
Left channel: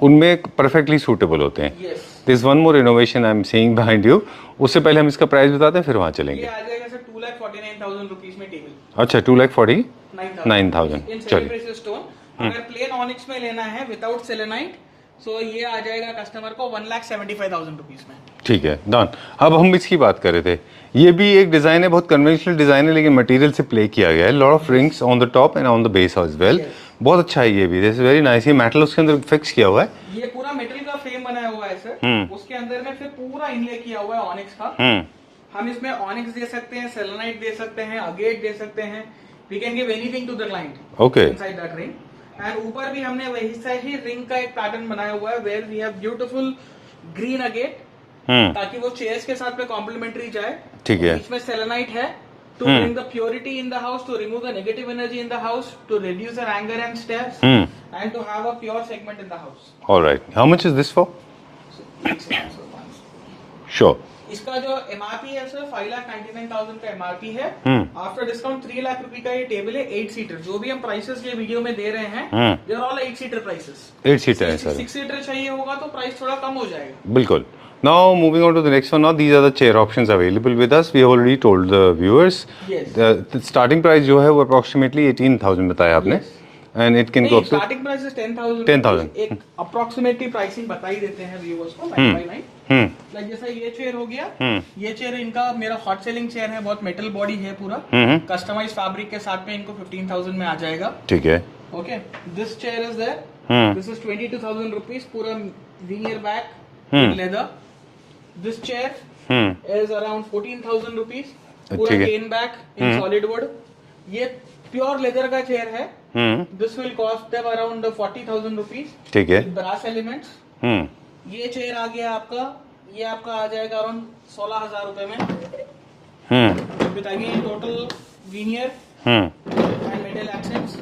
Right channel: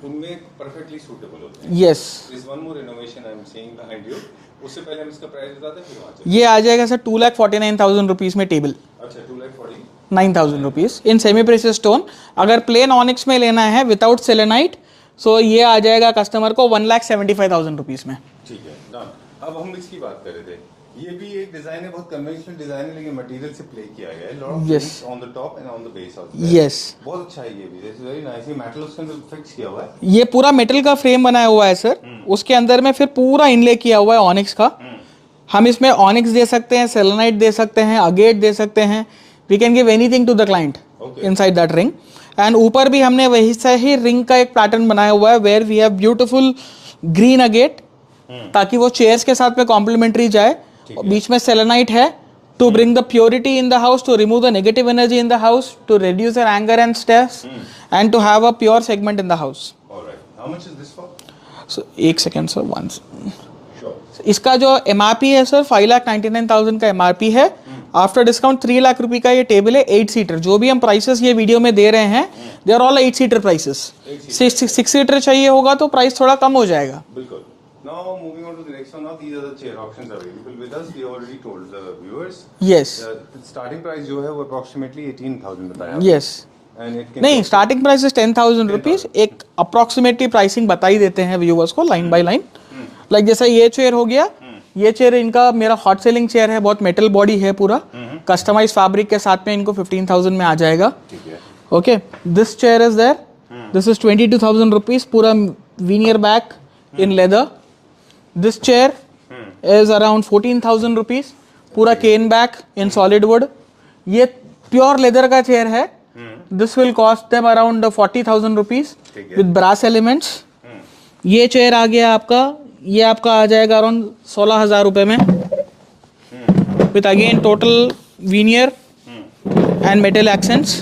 उनमें परफेक्टली सूटेबल होते हैं. Yes. This one more innovation I am seeing behind you. उससे पहले हम इसका प्राइस बताते हैं फिर वहाँ चलेंगे. ये आ जाएगा सर 2,49,000 रुपीज में टेबल. अच्छा. 2,49,000 rupees in semi precious stone. अगर प्लेन ऑनिक्स में लेना है विदाउट सेलेनाइट सो ये आ जाएगा कस्टमर को 1,75,000 रुपीज में. ठीक है. डन. अब हम इसकी बात कर रहे थे. ये भी एक डिजाइन है बहुत कन्वेंशनल डिजाइन है लेकिन मटेरियल से प्ले किया गया है. Lot of rings on the top and on the base as well. Yes. बहुत अच्छा है ये भी. This is very nice. ये मेटल उसके अंदर फिक्स किया हुआ है. ये पूरा मेटल का फ्रेम बनाया हुआ है सर. उसके अंदर में फिर पूरा इनले किया हुआ है ऑनिक्स का. हम इसमें ऑनिक्स दे सकते हैं, सेलेनाइट दे सकते हैं, अगेट दे सकते हैं. We can give anything to the client inside that ring. And ऊपर भी हमने वही से ही रिंग का एक पैटर्न बनाया हुआ है where we have beautiful green agate ताकि वो चेयर्स के साथ में कॉम्प्लीमेंट्री जाए. बीच में सेलेनाइट है to bring the purity in the house, to remove the negative energy in the house, to reduce their anger and stress, and to have a pure segment in the house. All right. How much is this for? So, एक second sir, once. Sure. इसका जो MRP है sir 5,99,000 का MRP है. After discount 3 lakh रुपए का ये table है 8 सीटर. जो भी हम प्राइसेस ये वीडियो में दे रहे हैं they are all 8 seater prices. 6 seater चाहिए होगा तो प्राइस थोड़ा कम हो जाएगा. बिल्कुल. Now moving on to the next one. Now these are the chair options available with us. We have already told the viewers. Yes. The starting price जो है वो approximately 18,000 बताया आपने. Yes. And it can नहीं, go starting price is 10,000 rupees. एक approximately pricing बता ही देते हैं व्यूअर्स को लाइन बाय लाइन. लाइक जैसा ये चेयर हो गया. ये चेयर इनका मेरा हॉट सेलिंग चेयर है. बहुत मेटल बॉडी है पूरा. कस्टमाइज फैब्रिक के साथ में इनको 15,000 में आ जाएगा. ठीक है. Okay. This chair is there. This is 22,000 rupees. पूरा veneer back in leather. This chair is around 14,000 rupees. पूरा cane back in solid wood. ये pure leather का chair है. This will cost them around 40,000 rupees. ठीक है. With brass elements. ये chair आ गया आपका. ये आपका आ जाएगा around 16,000 रुपए में. With again total veneer and metal accents.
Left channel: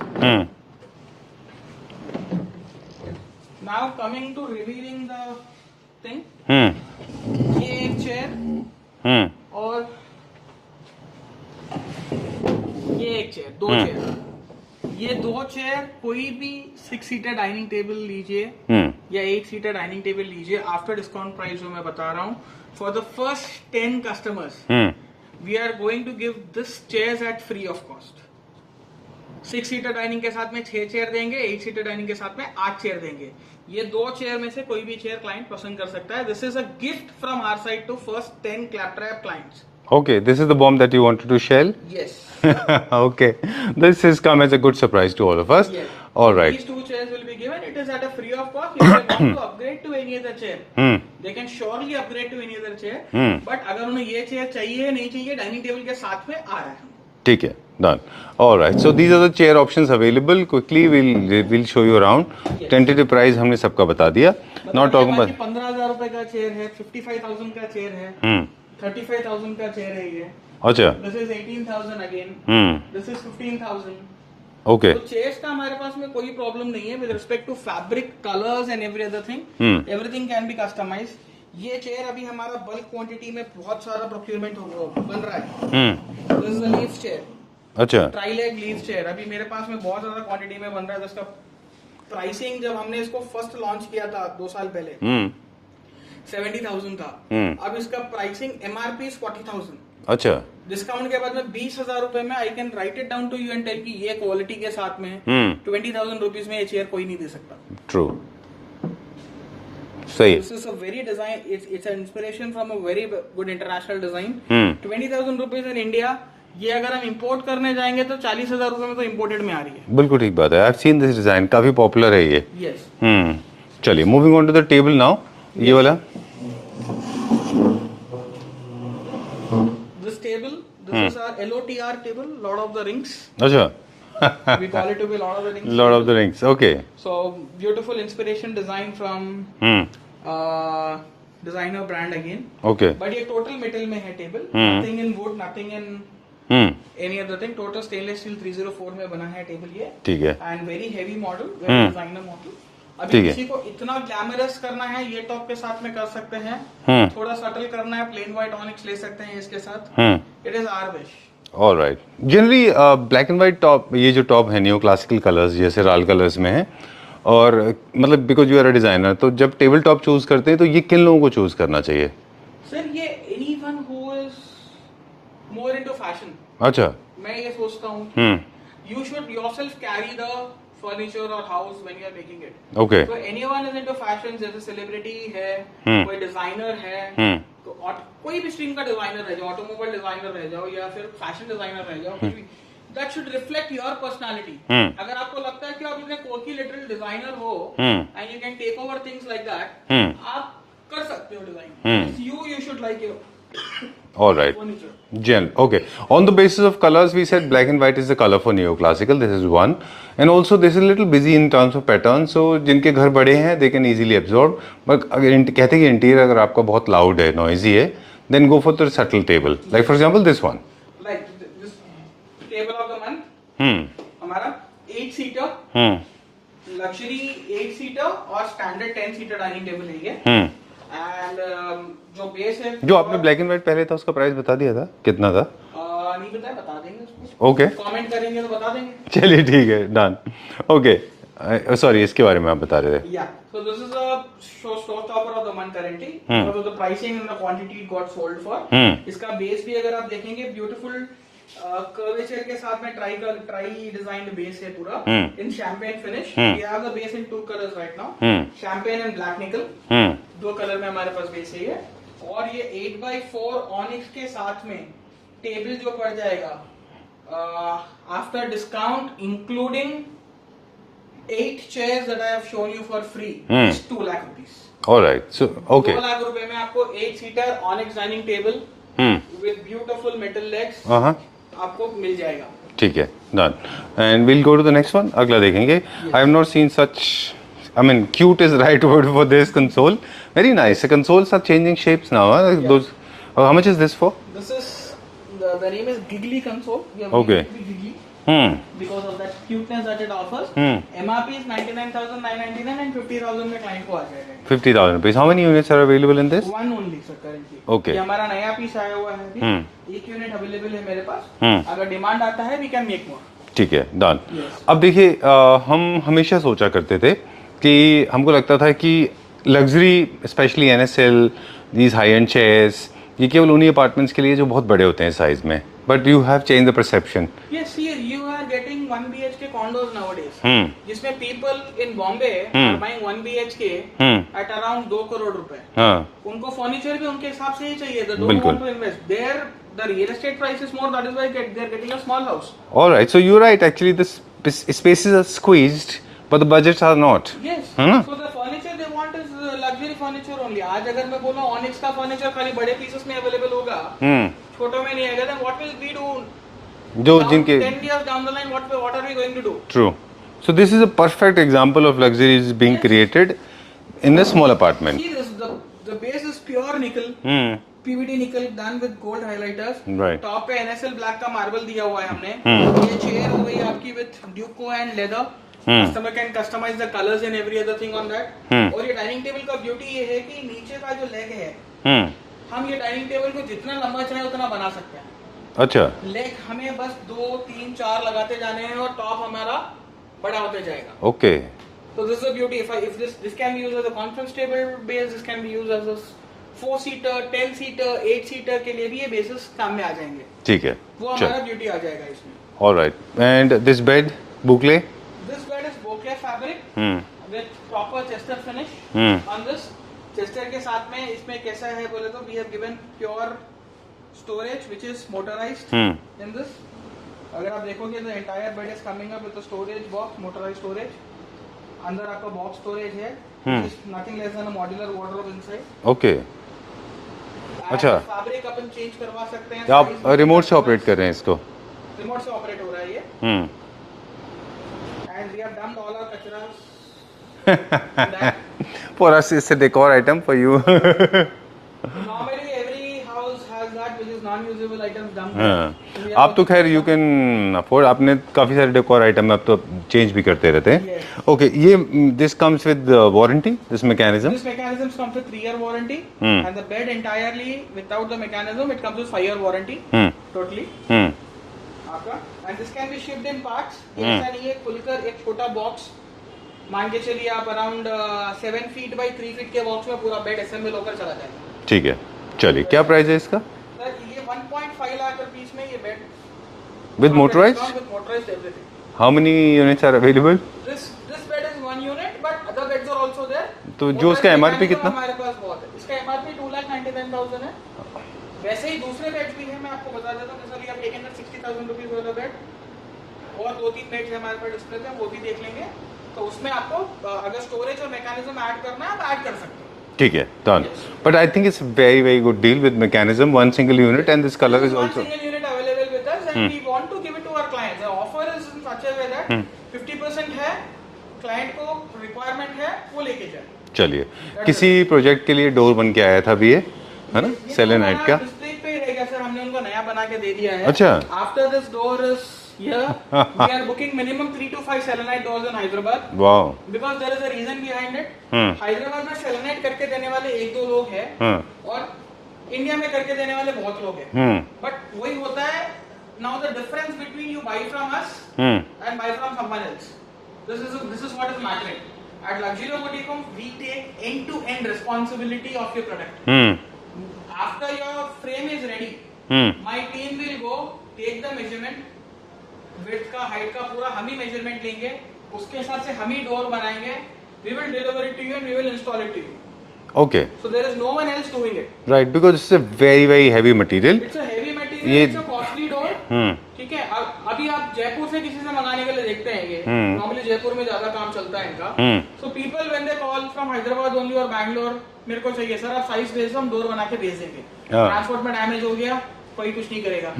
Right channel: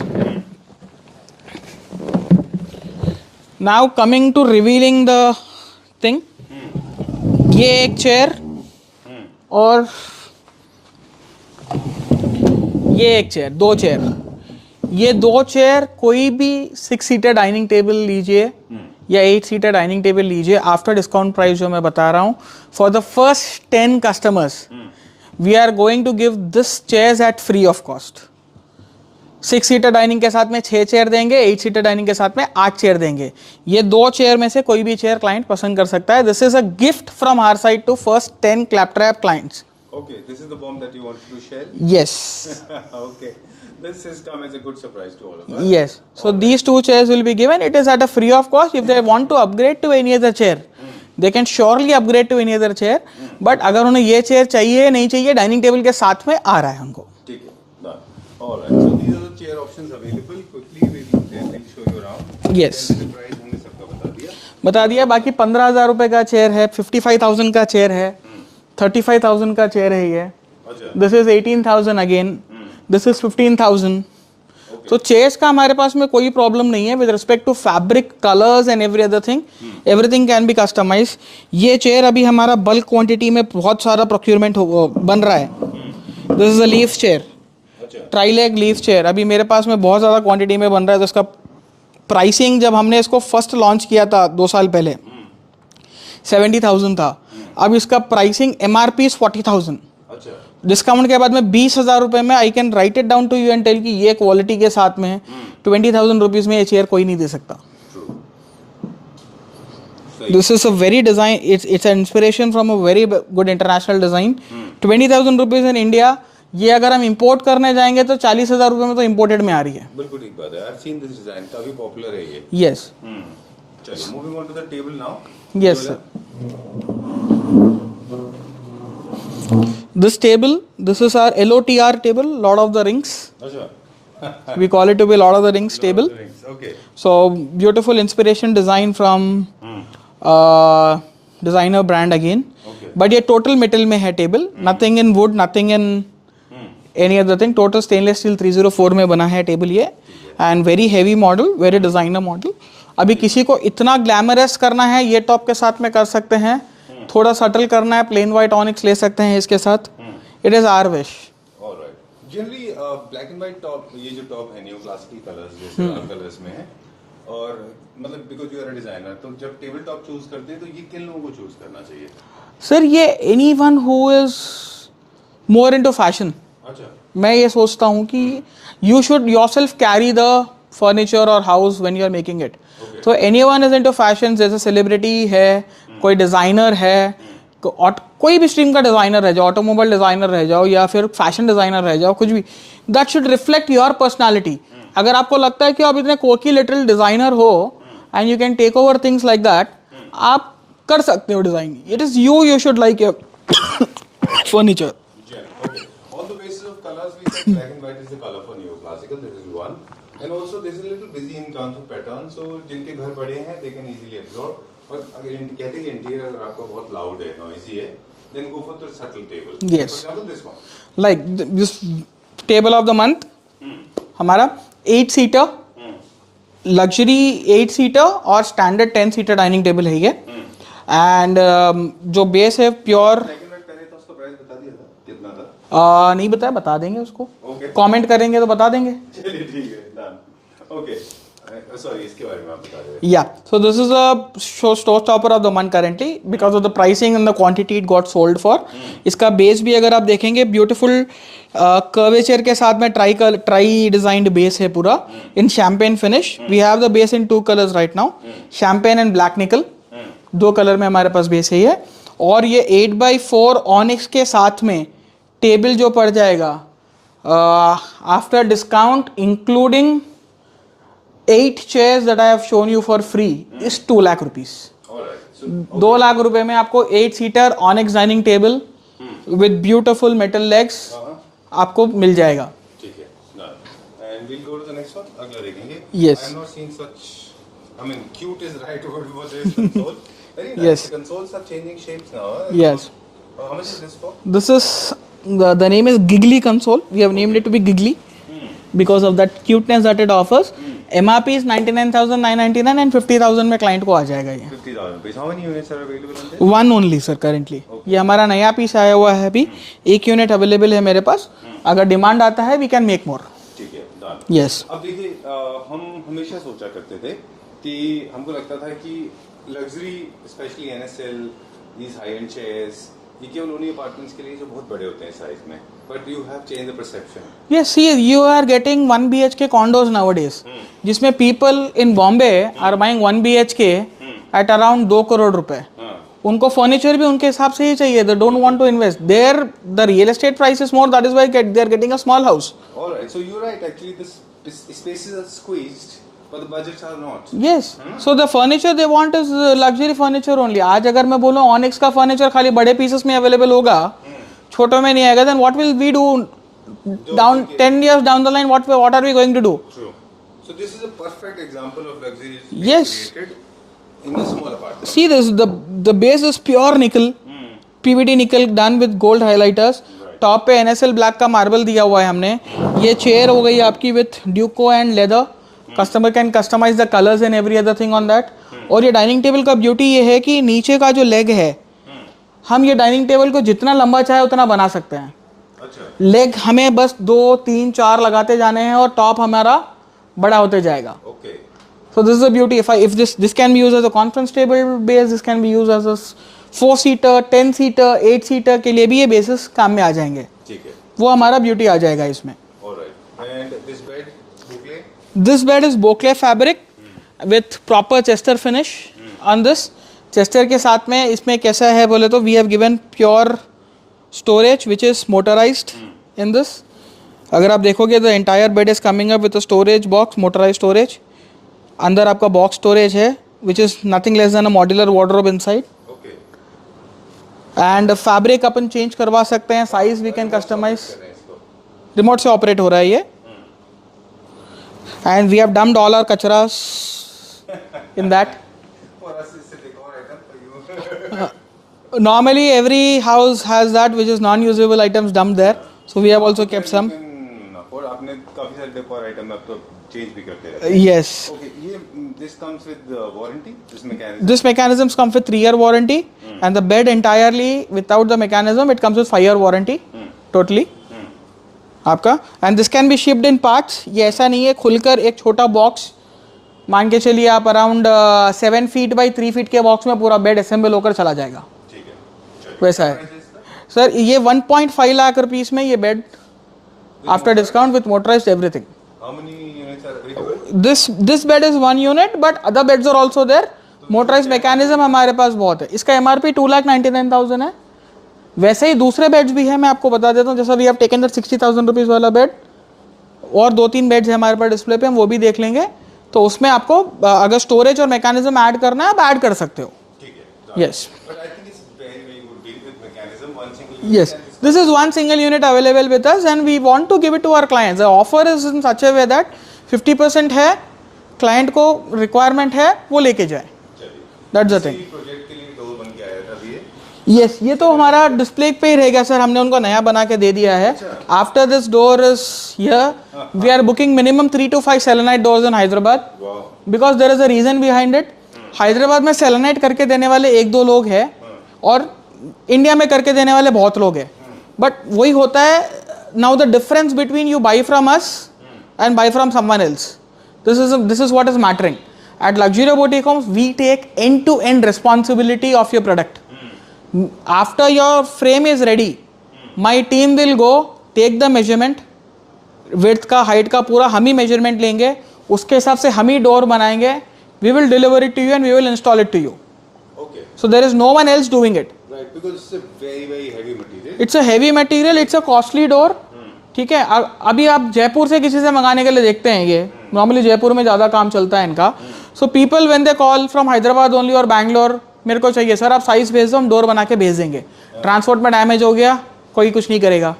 Now coming to revealing the thing. ये एक चेयर और ये एक चेयर. 2 चेयर. ये 2 चेयर कोई भी 6 सीटर डाइनिंग टेबल लीजिए या 8 सीटर डाइनिंग टेबल लीजिए आफ्टर डिस्काउंट प्राइस जो मैं बता रहा हूँ for the first 10 customers we are going to give this chairs at free of cost. 6 seater dining के साथ में 6 चेयर देंगे. 8 सीटर डाइनिंग के साथ में 8 चेयर देंगे. ये 2 चेयर में से कोई भी चेयर क्लाइंट पसंद कर सकता है. This is a gift from our side to first 10 Claptrap clients. Okay, this is the bomb that you wanted to share? Yes. Okay. This has come as a good surprise to all of us. Yes. So these 2 chairs will be given. It is at a free of cost. If they want to upgrade to any other chair, they can surely upgrade to any other chair. But अगर उन्हें ये chair चाहिए नहीं चाहिए dining table के साथ में आ रहा है उनको. ठीक है. Done. All right. So these are the chair options available. Quickly we'll show you around. Yes. Tentative price हमने सबका बता दिया. बाकी 15,000 रुपए का चेयर है. 55,000 का चेयर है. 35,000 का चेयर है ये. अच्छा. This is 18,000 again. This is 15,000. Okay. तो चेयर्स का हमारे पास में कोई प्रॉब्लम नहीं है with respect to fabric, colours and every other thing. Everything can be customise. ये चेयर अभी हमारा बल्क क्वांटिटी में बहुत सारा प्रोक्योरमेंट बन रहा है. This is a leaf chair. अच्छा. ट्राईलेग लीफ चेयर अभी मेरे पास में बहुत ज़्यादा क्वांटिटी में बन रहा है. तो इसका प्राइसिंग जब हमने इसको फर्स्ट लॉन्च किया था 2 साल पहले 70,000 था. अब इसका प्राइसिंग MRP इज 40,000. अच्छा. डिस्काउंट के बाद में 20,000 रुपए में I can write it down to you and tell कि ये क्वालिटी के साथ में 20,000 रुपीज में ये चेयर कोई नहीं दे सकता. ट्रू. सही. This is a very design, it's an inspiration from a very good international design. 20,000 rupees in India. ये अगर हम इंपोर्ट करने जाएंगे तो 40,000 रुपए में तो इंपोर्टेड में आ रही है. बिल्कुल ठीक बात है. I have seen this design, काफी पॉपुलर है ये. यस. चलिए, moving on to the table now. ये Yes. वाला. This table, this is our LOTR table, Lord of the Rings. अच्छा. We call it to be Lord of the Rings Lord table. of the Rings. Okay. So beautiful inspiration design from designer brand again. Okay. But ये total metal में है table. Nothing in wood, nothing in any other thing. Total stainless steel 304 में बना है table ये. ठीक है. And very heavy model, very designer model. अभी किसी को इतना ग्लैमरस करना है ये टॉप के साथ में कर सकते हैं. थोड़ा सटल करना है, प्लेन व्हाइट ऑनिक्स ले सकते हैं इसके साथ. It is our wish. Alright. Generally black and white top, ये जो टॉप है न्यू क्लासिकल कलर्स जैसे राल कलर्स में है, और मतलब because you are a designer, तो जब टेबल टॉप चूज करते हैं तो ये किन लोगों को चूज करना चाहिए? सर ये anyone who is more into fashion. अच्छा. मैं ये सोचता हूँ कि you should yourself carry the furniture और house when you are making it. Okay. तो एनीवन इज इनटू फैशन, जैसे सेलिब्रिटी है, कोई डिजाइनर है, कोई भी स्ट्रीम का डिजाइनर रह जाओ, ऑटोमोबाइल डिजाइनर रह जाओ या फिर फैशन डिजाइनर रह जाओ, कुछ भी, that should reflect your personality. अगर आपको लगता है कि आप इतने कोकी लिटिल डिजाइनर हो and you can take over things like that, आप कर सकते हो design. It is you should like your All right. furniture. Gen. Okay. On the basis of colors, we said black and white is the color for neoclassical. This is one. And also this is a little busy in terms of pattern. So जिनके घर बड़े हैं, they can easily absorb. But अगर कहते हैं कि interior अगर आपका बहुत loud है, noisy है, then go for the subtle table. Yes. Like for example this one. Like this table of the month. हमारा 8 seater. लग्जरी 8 सीटर और स्टैंडर्ड 10 सीटर डाइनिंग टेबल है ये. एंड जो बेस है प्योर ब्लैक एंड व्हाइट पहले था, उसका price बता दिया था कितना था? नहीं बताया, बता देंगे उसको. ओके. कमेंट करेंगे तो बता देंगे. चलिए ठीक है, डन. ओके. सॉरी, इसके बारे में आप बता रहे थे. या सो this is a show stopper of the month currently because of the pricing and the quantity it got sold for. इसका बेस भी अगर आप देखेंगे ब्यूटीफुल कर्वेचर के साथ में ट्राई डिजाइंड बेस है पूरा in champagne finish. We have the base in 2 colours right now, champagne and black nickel. 2 colour में हमारे पास बेस है ये. और ये 8x4 ऑनिक्स के साथ में टेबल जो पड़ जाएगा after discount including 8 chairs that I have shown you for free is 2 lakh rupees. Alright. So okay. 2 lakh रुपए में आपको 8 seater onyx dining table with beautiful metal legs आपको मिल जाएगा. ठीक है, done. And we'll go to the next one. अगला देखेंगे. Yes. I have not seen such, I mean cute is right word for this console. Very nice. The consoles are changing shapes now. Yes. Those, how much is this for? This is the name is Giggly console. We have named Okay. it to be Giggly because of that cuteness that it offers. MRP is 99,999 and 50,000 में client को आ जाएगा ये. 50,000 rupees. How many units are available in this? One only sir currently. Okay. ये हमारा नया piece आया हुआ है अभी. 1 यूनिट अवेलेबल है मेरे पास. अगर डिमांड आता है we can make more. ठीक है, डन. Yes. अब देखिए, हम हमेशा सोचा करते थे कि हमको लगता था कि luxury, specially NSL, these high and chairs, ये केवल उन्हीं अपार्टमेंट्स के लिए जो बहुत बड़े होते हैं साइज में. But you have change the perception. Yes, see, you are getting 1 BHK condos nowadays, जिसमें people in Bombay are buying 1 BHK at around 2 crore रुपए. उनको फर्नीचर भी उनके हिसाब से ही चाहिए. They don't want to invest. The real estate price is more. That is why they are getting a small house. All right, so you're right. Actually, the spaces are squeezed, but the budgets are not. Yes. So the furniture they want is luxury furniture only. आज अगर मैं बोलूँ onyx का furniture खाली बड़े pieces में available होगा, छोटों में नहीं आएगा, then what will we do down 10 years down the line? What are we going to do? True. So this is a perfect example of luxury is being Yes. created in a small apartment. See this, the base is pure nickel. PVD nickel done with gold highlighters. Right. Top पे NSL black का marble दिया हुआ है हमने। ये chair हो गई आपकी with Duco and leather. Customer can customise the colours and every other thing on that. और ये डाइनिंग टेबल का ब्यूटी ये है कि नीचे का जो लेग है, हम ये डाइनिंग टेबल को जितना लंबा चाहे उतना बना सकते हैं। अच्छा, लेग हमें बस 2, 3, 4 लगाते जाने हैं और टॉप हमारा बड़ा होते जाएगा। Okay, So this is the beauty. If this can be used as a conference table base, this can be used as a 4-seater, 10-seater, 8-seater के लिए भी ये bases काम में आ जाएंगे। ठीक है, वो हमारा beauty आ जाएगा इसमें। Alright. And this bed boucle? This bed is Boucle fabric with proper chester finish on this. Chester के साथ में इसमें कैसा है बोले तो we have given pure storage which is motorized in this. अगर आप देखोगे the entire bed is coming up with a storage box, motorized storage. अंदर आपका बॉक्स स्टोरेज है which is nothing less than a modular wardrobe inside. Okay, and fabric upon change करवा सकते हैं, size भी रिमोट से ऑपरेट कर रहे हैं इसको? रिमोट से ऑपरेट हो रहा है ये। And we have dumped all our कचरास in that. For us it's a decor item, for you Normally every house has that which is non-usable items dumped there. So we have आप also तो खैर kept you some. Can afford, आपने काफी सारे decor item आप तो change भी करते रहते हैं। Yes. ओके, ये this comes with warranty, this mechanism? This mechanisms come with 3-year warranty and the bed entirely without the mechanism it comes with 5-year warranty totally आपका। And this can be shipped in parts. ये ऐसा नहीं है खुलकर एक छोटा box मान के चलिए आप अराउंड 7 फीट बाई 3 फीट के बॉक्स में पूरा बेड असेंबल होकर चला जाएगा। ठीक है, चलिए वैसा क्या है। प्राइस है इसका? सर ये 1.5 लाख रुपीस में ये bed with after motorised? Discount with motorised everything. How many units are available? This bed is 1 unit but other beds are also there. तो जो मोटराइज्ड उसका MRP मैकेनिज्म कितना? हमारे पास बहुत है। इसका MRP 2,99,000 है। वैसे ही दूसरे बेड्स भी हैं, मैं आपको बता देता हूँ। जैसा we have taken that 60,000 rupees वाला बेड और 2-3 बेड्स है हमारे पास डिस्प्ले पे, हम वो भी देख लेंगे। तो उसमें आपको अगर स्टोरेज और मैकेनिज्म ऐड करना है आप ऐड कर सकते हो। ठीक है, Yes. But I think it's very good deal with mechanism, one single unit Yes. and this color This is one also- single unit available with us and we want to give it to our clients. The offer is in such a way that 50% है, client को requirement है वो लेके जाए। चलिए, That's the किसी project के लिए डोर बन के आया था अभी ये? यस, ये तो Selenite हमारा का? डिस्प्ले पे ही रहेगा सर, हमने उनको नया बना के दे दिया है। अच्छा। After this door is here we are booking minimum 3 to 5 selenite doors in Hyderabad wow, because there is a reason behind it. Hyderabad में सेलेनाइट करके देने वाले 1-2 लोग हैं और इंडिया में करके देने वाले बहुत लोग हैं। बट वही होता है, now the difference between you by from us and by from someone else, this is what is mattering. At Luxury Boutique Homes, we take end-to-end responsibility of your product. After your frame is ready, my team will go take the measurement, width का, height का पूरा हम ही measurement लेंगे, उसके हिसाब से हम ही door बनाएंगे, we will deliver it to you and we will install it to you. Okay, So there is no one else doing it. Right, because it's a very heavy material. It's a heavy material, it's a costly door. ठीक है, अभी आप जयपुर से किसी से मंगाने के लिए देखते हैं ये नॉर्मली जयपुर में ज्यादा काम चलता है इनका। So people when they call from Hyderabad only और बैंगलोर, मेरे को चाहिए सर, आप साइज भेज दो, हम डोर बना के भेज देंगे। ट्रांसपोर्ट में डैमेज हो गया, कोई कुछ नहीं करेगा।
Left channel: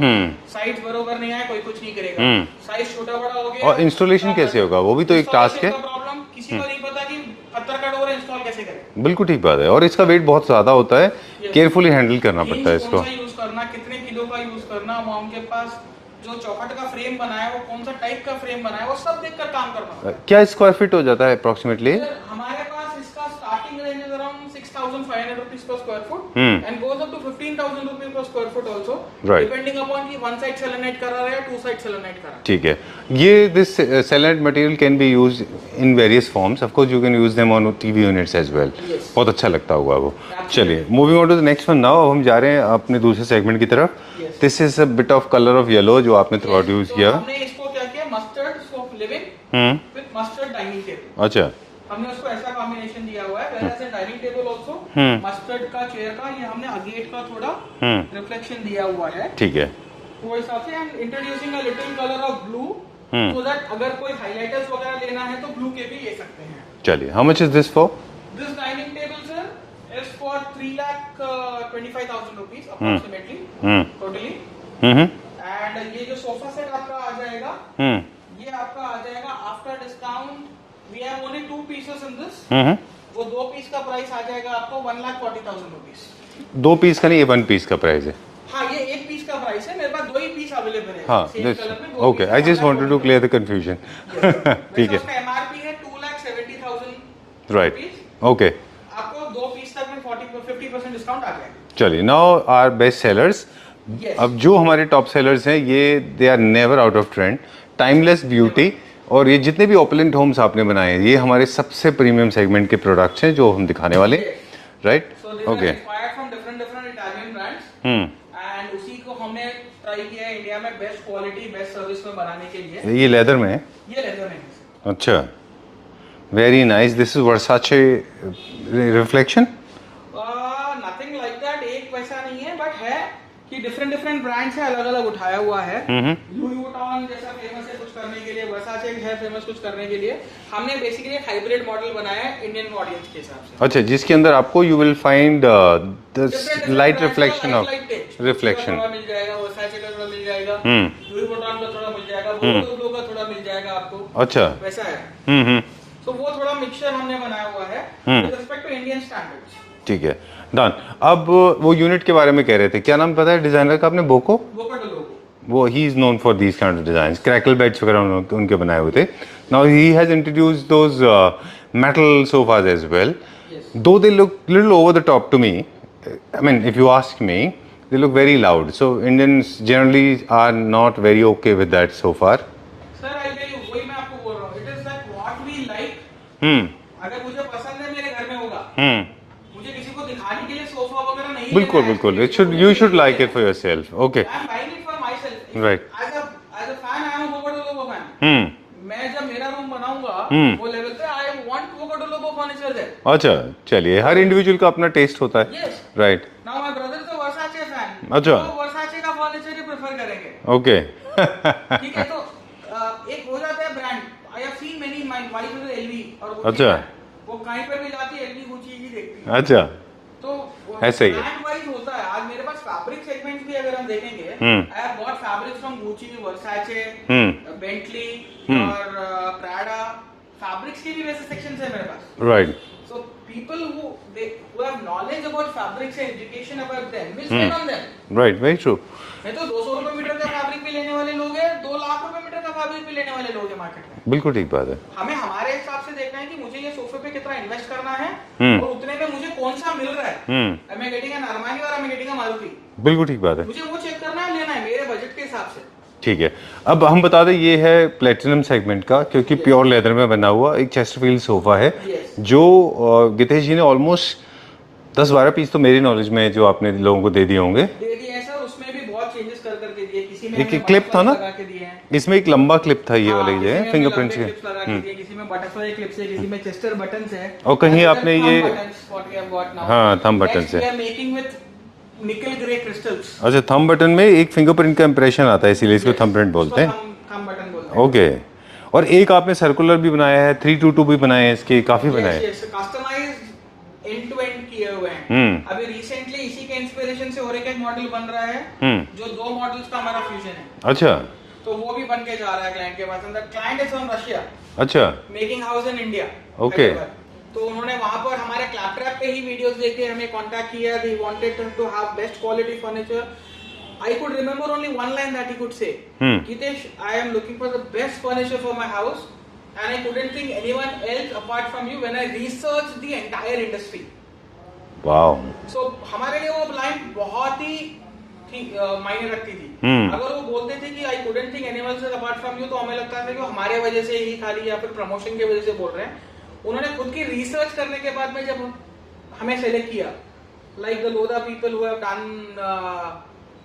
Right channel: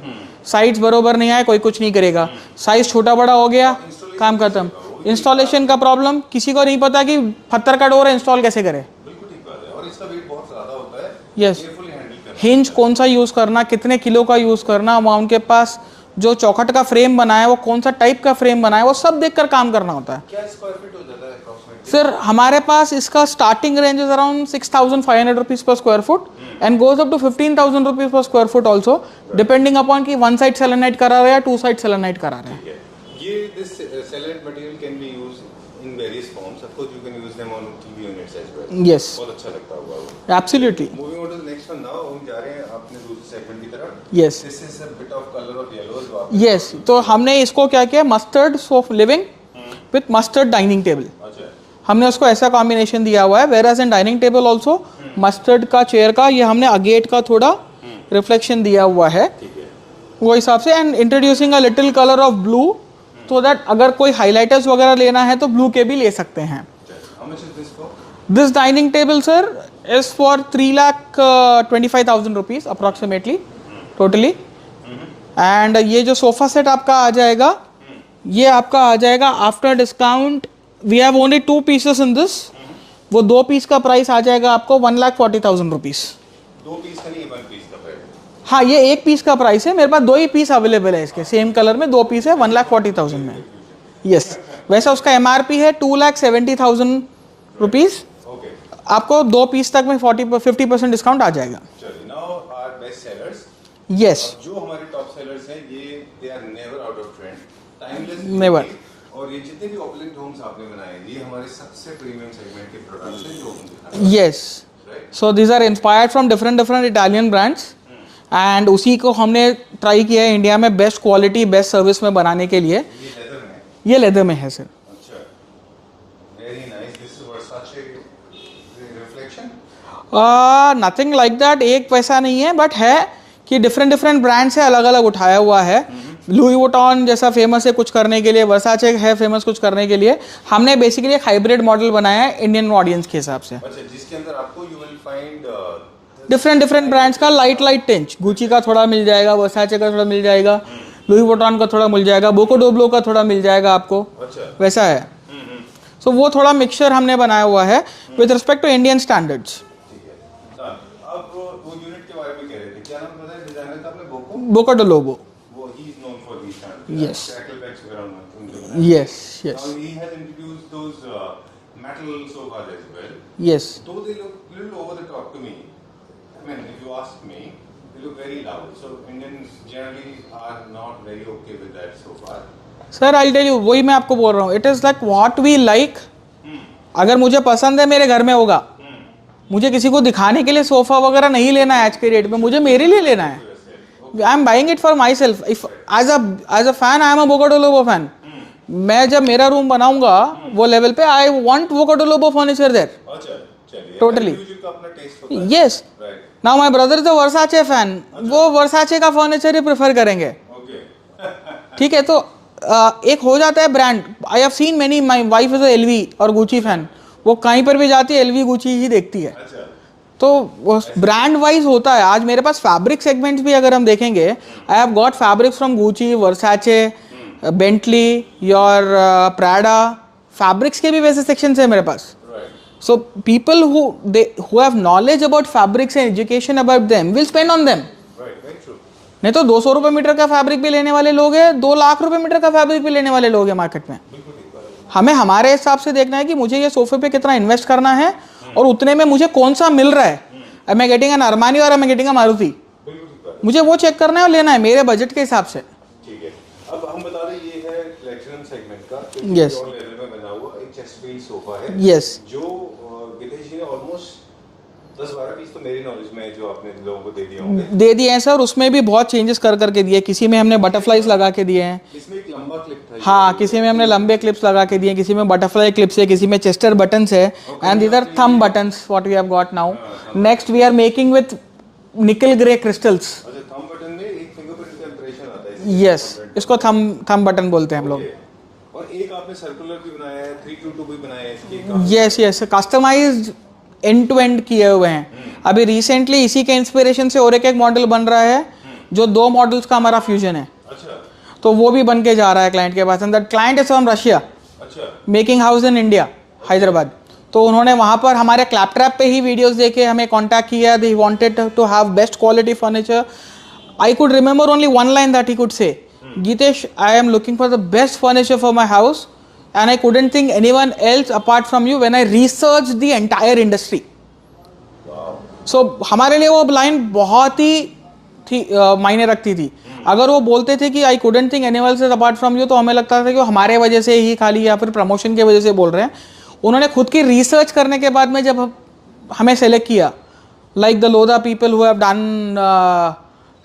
साइज बरोबर नहीं आया, कोई कुछ नहीं करेगा। साइज छोटा बड़ा हो गया, और installation काम कैसे खत्म। होगा? वो भी तो एक इंस्टॉलेशन task का है। प्रॉब्लम, किसी को नहीं पता कि पत्थर का डोर है, इंस्टॉल कैसे करे। बिल्कुल ठीक बात है, और इसका वेट बहुत ज्यादा होता है, Yes. केयरफुली हैंडल करना पड़ता हिंज है कौन सा इसको। यूज करना, कितने किलो का यूज करना, वहाँ उनके पास जो चौखट का फ्रेम बना है वो कौन सा टाइप का फ्रेम बना है, वो सब देखकर काम करना होता है। क्या स्क्वायर फीट हो जाता है अप्रोक्सीमेटली? सर हमारे पास इसका starting range is around 6,500 rupees per square foot and goes up to 15,000 rupees per square foot also, Right. Depending upon कि 1 साइड सेलेनाइट करा रहा है या 2 साइड सेलेनाइट करा रहा है। ठीक है, ये this selenite material can be used in various forms, of course you can use them on TV units as well. Yes. बहुत अच्छा लगता होगा वो। Absolutely. चलिए, moving on to the next one now, अब हम जा रहे हैं अपने दूसरे सेगमेंट की तरफ। Yes. This is a bit of colour of yellow जो आपने यस, यूज तो किया। हमने इसको क्या किया, mustard sofa living with mustard dining table, अच्छा, हमने उसको ऐसा कॉम्बिनेशन दिया हुआ है। Whereas in dining table also mustard का चेयर का ये हमने अगेट का थोड़ा रिफ्लेक्शन दिया हुआ है ठीक है, वो हिसाब से, and introducing a little colour of blue so that अगर कोई हाइलाइटर्स वगैरह लेना है तो ब्लू के भी ले सकते हैं। चलिए, how much is this for? This dining table sir is for 3,25,000 rupees approximately totally. And ये जो सोफा सेट आपका आ जाएगा, ये आपका आ जाएगा after discount, we have only 2 pieces in this, वो 2 पीस का प्राइस आ जाएगा आपको 1,40,000 रुपीज। 2 पीस का नहीं, ये 1 पीस का प्राइस है। हाँ, ये एक पीस का प्राइस है, मेरे पास 2 ही पीस अवेलेबल है इसके, सेम कलर में 2 पीस है, 1,40,000 कंफ्यूजन। यस। वैसे उसका एमआरपी है 2,70,000 रुपीज। ओके, आपको 2 पीस तक में 50% डिस्काउंट आ जाएगा। चलिए, now are best sellers. Yes. अब जो हमारे टॉप सेलर्स हैं, ये they are never out of trend, timeless beauty, और ये जितने भी ओपुलेंट होम्स आपने बनाए हैं, ये हमारे सबसे प्रीमियम सेगमेंट के प्रोडक्ट्स हैं जो हम दिखाने वाले हैं। Yes, right. So these are inspired from different Italian brands, and उसी को हमने ट्राई किया है इंडिया में बेस्ट क्वालिटी बेस्ट सर्विस में बनाने के लिए। ये लेदर में है? ये लेदर में है सर। अच्छा, very nice. This is Versace reflection? Nothing like that, एक वैसा नहीं है, बट है कि डिफरेंट ब्रांड से अलग अलग उठाया हुआ है। लुई वुइटन जैसा फेमस है कुछ करने के लिए, वर्साचे है फेमस कुछ करने के लिए, हमने बेसिकली एक हाइब्रिड मॉडल बनाया है इंडियन ऑडियंस के हिसाब से। अच्छा, जिसके अंदर आपको you will find different brands का लाइट टिंच, गुची का थोड़ा मिल जाएगा, वर्साचे का थोड़ा मिल जाएगा, लुई वुइटन का थोड़ा मिल जाएगा, बोको डोब्लो का थोड़ा मिल जाएगा आपको। अच्छा, वैसा है। सो वो थोड़ा मिक्सचर हमने बनाया हुआ है with respect to Indian standards. ठीक है, डन। अब वो यूनिट के बारे में कह रहे थे, क्या नाम पता है डिजाइनर का आपने? Boca do Lobo. वो he is known for these kind of design, crackle beds वगैरह उनके बनाए हुए Yes, थे। Now he has introduced those metal sofas as well. Yes. Though they look little over the top to me, I mean, if you ask me, they look very loud. So Indians generally are not very okay with that so far. Sir I tell you, वही मैं आपको बोल रहा हूँ, it is like what we like. अगर मुझे पसंद है मेरे घर में होगा, मुझे किसी को दिखाने के लिए सोफा वगैरह नहीं लेना है आज के डेट में, मुझे मेरे लिए लेना है। I am buying it for myself. As a fan I am a Boca do Lobo fan. मैं जब मेरा रूम बनाऊंगा वो लेवल पे, I want Boca do Lobo furniture there. अच्छा, चलिए, हर इंडिविजुअल का अपना टेस्ट होता है। Yes, right. Now my brother is a Versace fan, वो वर्साचे का फर्नीचर ही प्रेफर करेंगे। ओके, ठीक है, तो एक हो जाता है brand. I have seen many, my wife is a LV और गुची फैन, वो कहीं पर भी जाती है एलवी गुची ही देखती है। अच्छा, तो ब्रांड वाइज होता है। आज मेरे पास फैब्रिक सेगमेंट्स भी अगर हम देखेंगे, I have got fabrics from Gucci, Versace, Bentley, your Prada, fabrics के भी वैसे सेक्शंस है मेरे पास। Right. So people who have knowledge about fabrics and education about them will spend on them. Right, very true. नहीं तो 200 रुपए metre का फैब्रिक भी लेने वाले लोग हैं, 2 लाख रुपए मीटर का फैब्रिक भी लेने वाले लोग हैं मार्केट में। बिल्कुल ठीक बात है। हमें हमारे हिसाब से देखना है कि मुझे ये सोफे पे कितना इन्वेस्ट करना है और उतने में मुझे कौन सा मिल रहा है। Am I getting an Armani और am I getting a Maruti? बिल्कुल ठीक बात है। मुझे वो चेक करना है और लेना है मेरे बजट के हिसाब से। ठीक है, अब हम बता दें ये है प्लेटिनम सेगमेंट का, क्योंकि प्योर लेदर में बना हुआ एक चेस्टरफील्ड सोफा है। यस, जो गितेश जी ने ऑलमोस्ट 10-12 पीस तो मेरी नॉलेज में जो आपने लोगों को दे दिए होंगे। दे दिए हैं सर, उसमें भी बहुत चेंजेस कर करके दिए। किसी में हमने बटरफ्लाईज लगा के दिए हैं। इसमें एक लंबा क्लिप था ये हाँ, वाली किसी में हमने लंबे क्लिप्स लगा के दिए, किसी में बटरफ्लाई क्लिप्स है, किसी में चेस्टर बटन्स है, एंड इधर thumb buttons what we have got now. हाँ, thumb next we are making with nickel grey crystals. अच्छा, थंब बटन में एक फिंगरप्रिंट का इंप्रेशन आता है, इसीलिए इसको थंबप्रिंट बोलते हैं। इसको थंब बटन बोलते हैं। ओके, और एक आपने सर्कुलर भी बनाया है, 322 भी बनाए हैं इसके, काफी yes yes, customised end to end किए हुए हैं। अभी रिसेंटली इसी के इंस्पिरेशन से और एक मॉडल बन रहा है जो 2 मॉडल्स का हमारा फ्यूजन है। अच्छा, तो वो भी बन के जा रहा है क्लाइंट के पास। And that client is from Russia. अच्छा, making house in India, Hyderabad. तो उन्होंने वहां पर हमारे क्लैपट्रैप पे ही वीडियोस देखे हमें कांटेक्ट किया। They wanted to have best quality furniture. I could remember only one line that he could say, Geetesh, I am looking for the best furniture for my house and I couldn't think anyone else apart from you when I researched the entire industry. Wow. So हमारे लिए वो line बहुत ही थी मायने रखती थी। अगर वो बोलते थे कि आई couldn't think anyone else apart from you, तो हमें लगता था कि वो हमारे वजह से ही खाली या फिर प्रमोशन की वजह से बोल रहे हैं। उन्होंने खुद की रिसर्च करने के बाद में जब हमें सेलेक्ट किया, like the Lodha people who have done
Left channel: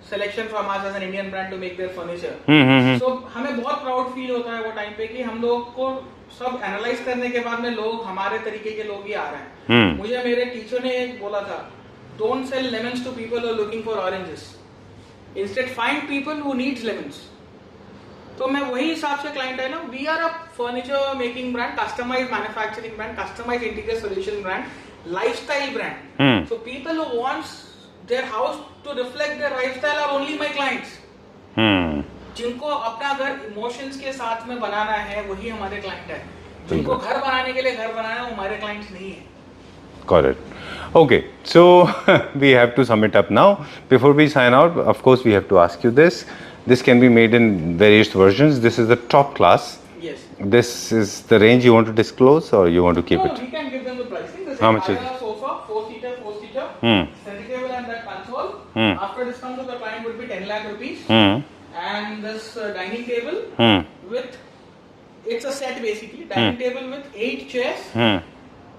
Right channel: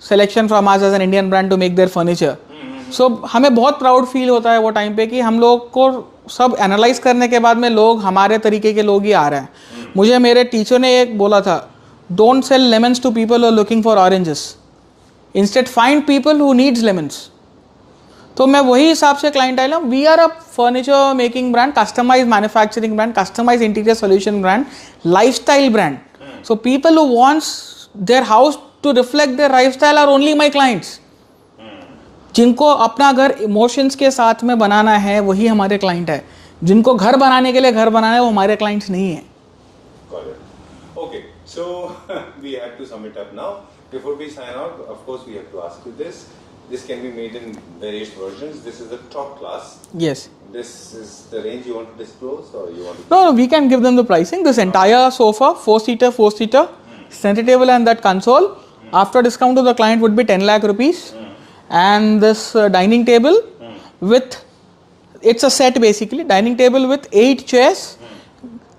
selection from us as an Indian brand to make their furniture. So हमें बहुत प्राउड फील होता है वो टाइम पे कि हम लोग को सब एनालाइज करने के बाद में लोग हमारे तरीके के लोग ही आ रहे हैं। मुझे मेरे टीचर ने एक बोला था, don't sell lemons to people who are looking for oranges, instead find people who needs lemons. तो मैं वही हिसाब से क्लाइंट आया। We are a furniture making brand, customise manufacturing brand, customise interior solution brand, lifestyle brand. So people who wants their house to reflect their lifestyle are only my clients. जिनको अपना घर emotions के साथ में बनाना है वही हमारे क्लाइंट है। जिनको घर बनाने के लिए घर बनाना है वो हमारे क्लाइंट्स नहीं है। Correct. Okay, so we have to sum it up now. Before we sign out, of course, we have to ask you this. This can be made in various versions. This is the top class. Yes. This is the range you want to disclose, or you want to keep No, it? no, we can give them the pricing. This How much entire sofa, 4-seater, center table and that console, after discount to the client would be 10 lakh rupees. And this dining table with, it's a set basically, dining table with 8 chairs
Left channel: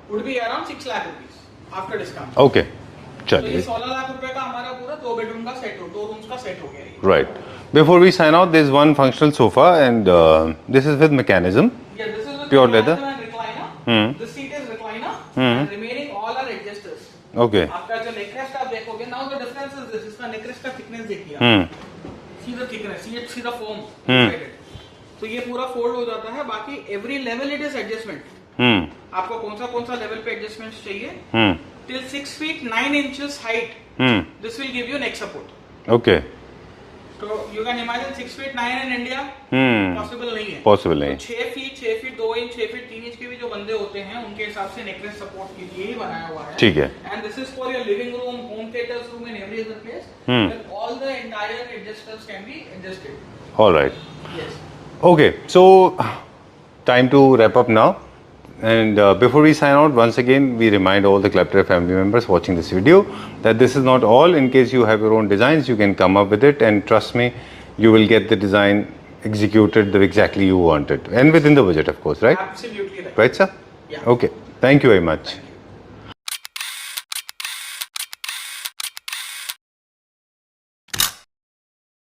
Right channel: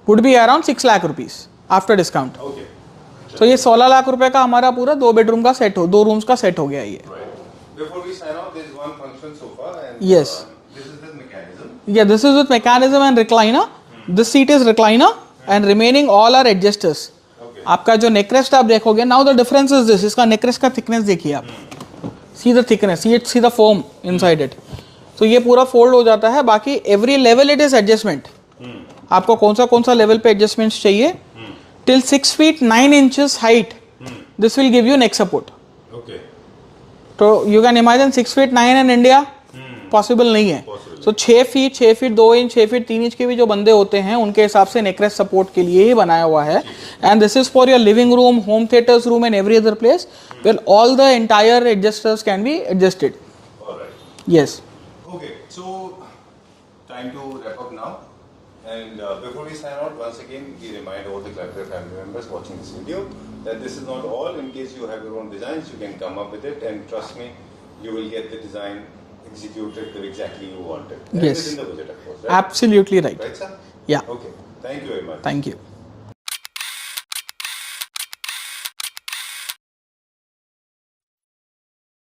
would be around 6 lakh rupees after discount. Okay. तो ये 16 लाख रुपए का हमारा पूरा 2 bedroom का set हो, 2 rooms का set हो गया ये. Right. Before we sign out, there's one functional sofa, and Yes. this is with mechanism. Yeah, this is with Pure mechanism leather? and recliner. This seat is recliner and remaining all are adjusters. Okay. आपका जो नेकरेस्ट आप देखोगे, now the difference is this, इसका नेकरेस्ट का thickness देखिए आप. See the thickness, see the foam inside it. तो ये पूरा फोल्ड हो जाता है. बाकी every level it is adjustment. आपको कौन सा लेवल पे एडजस्टमेंट्स चाहिए. Till 6 feet 9 inches height, this will give you neck support. Okay. तो you can imagine 6 feet 9 in India possible नहीं है. Possible तो नहीं. 6 फीट 2 इंच 6 फीट 3 इंच के भी जो बंदे होते हैं उनके हिसाब से नेकरेस्ट सपोर्ट के लिए ही बनाया हुआ है. ठीक है. And this is for your living room, home theatres room and every other place where all the entire adjusters can be adjusted. All right. Yes. Okay, so time to wrap up now. And before we sign out, once again, we remind all the Klepter family members watching this video that this is not all. In case you have your own designs, you can come up with it, and trust me, you will get the design executed the exactly you want it, and Yes. within the budget, of course, right? Absolutely right. Right, sir? Yeah. Okay. Thank you very much. Thank you.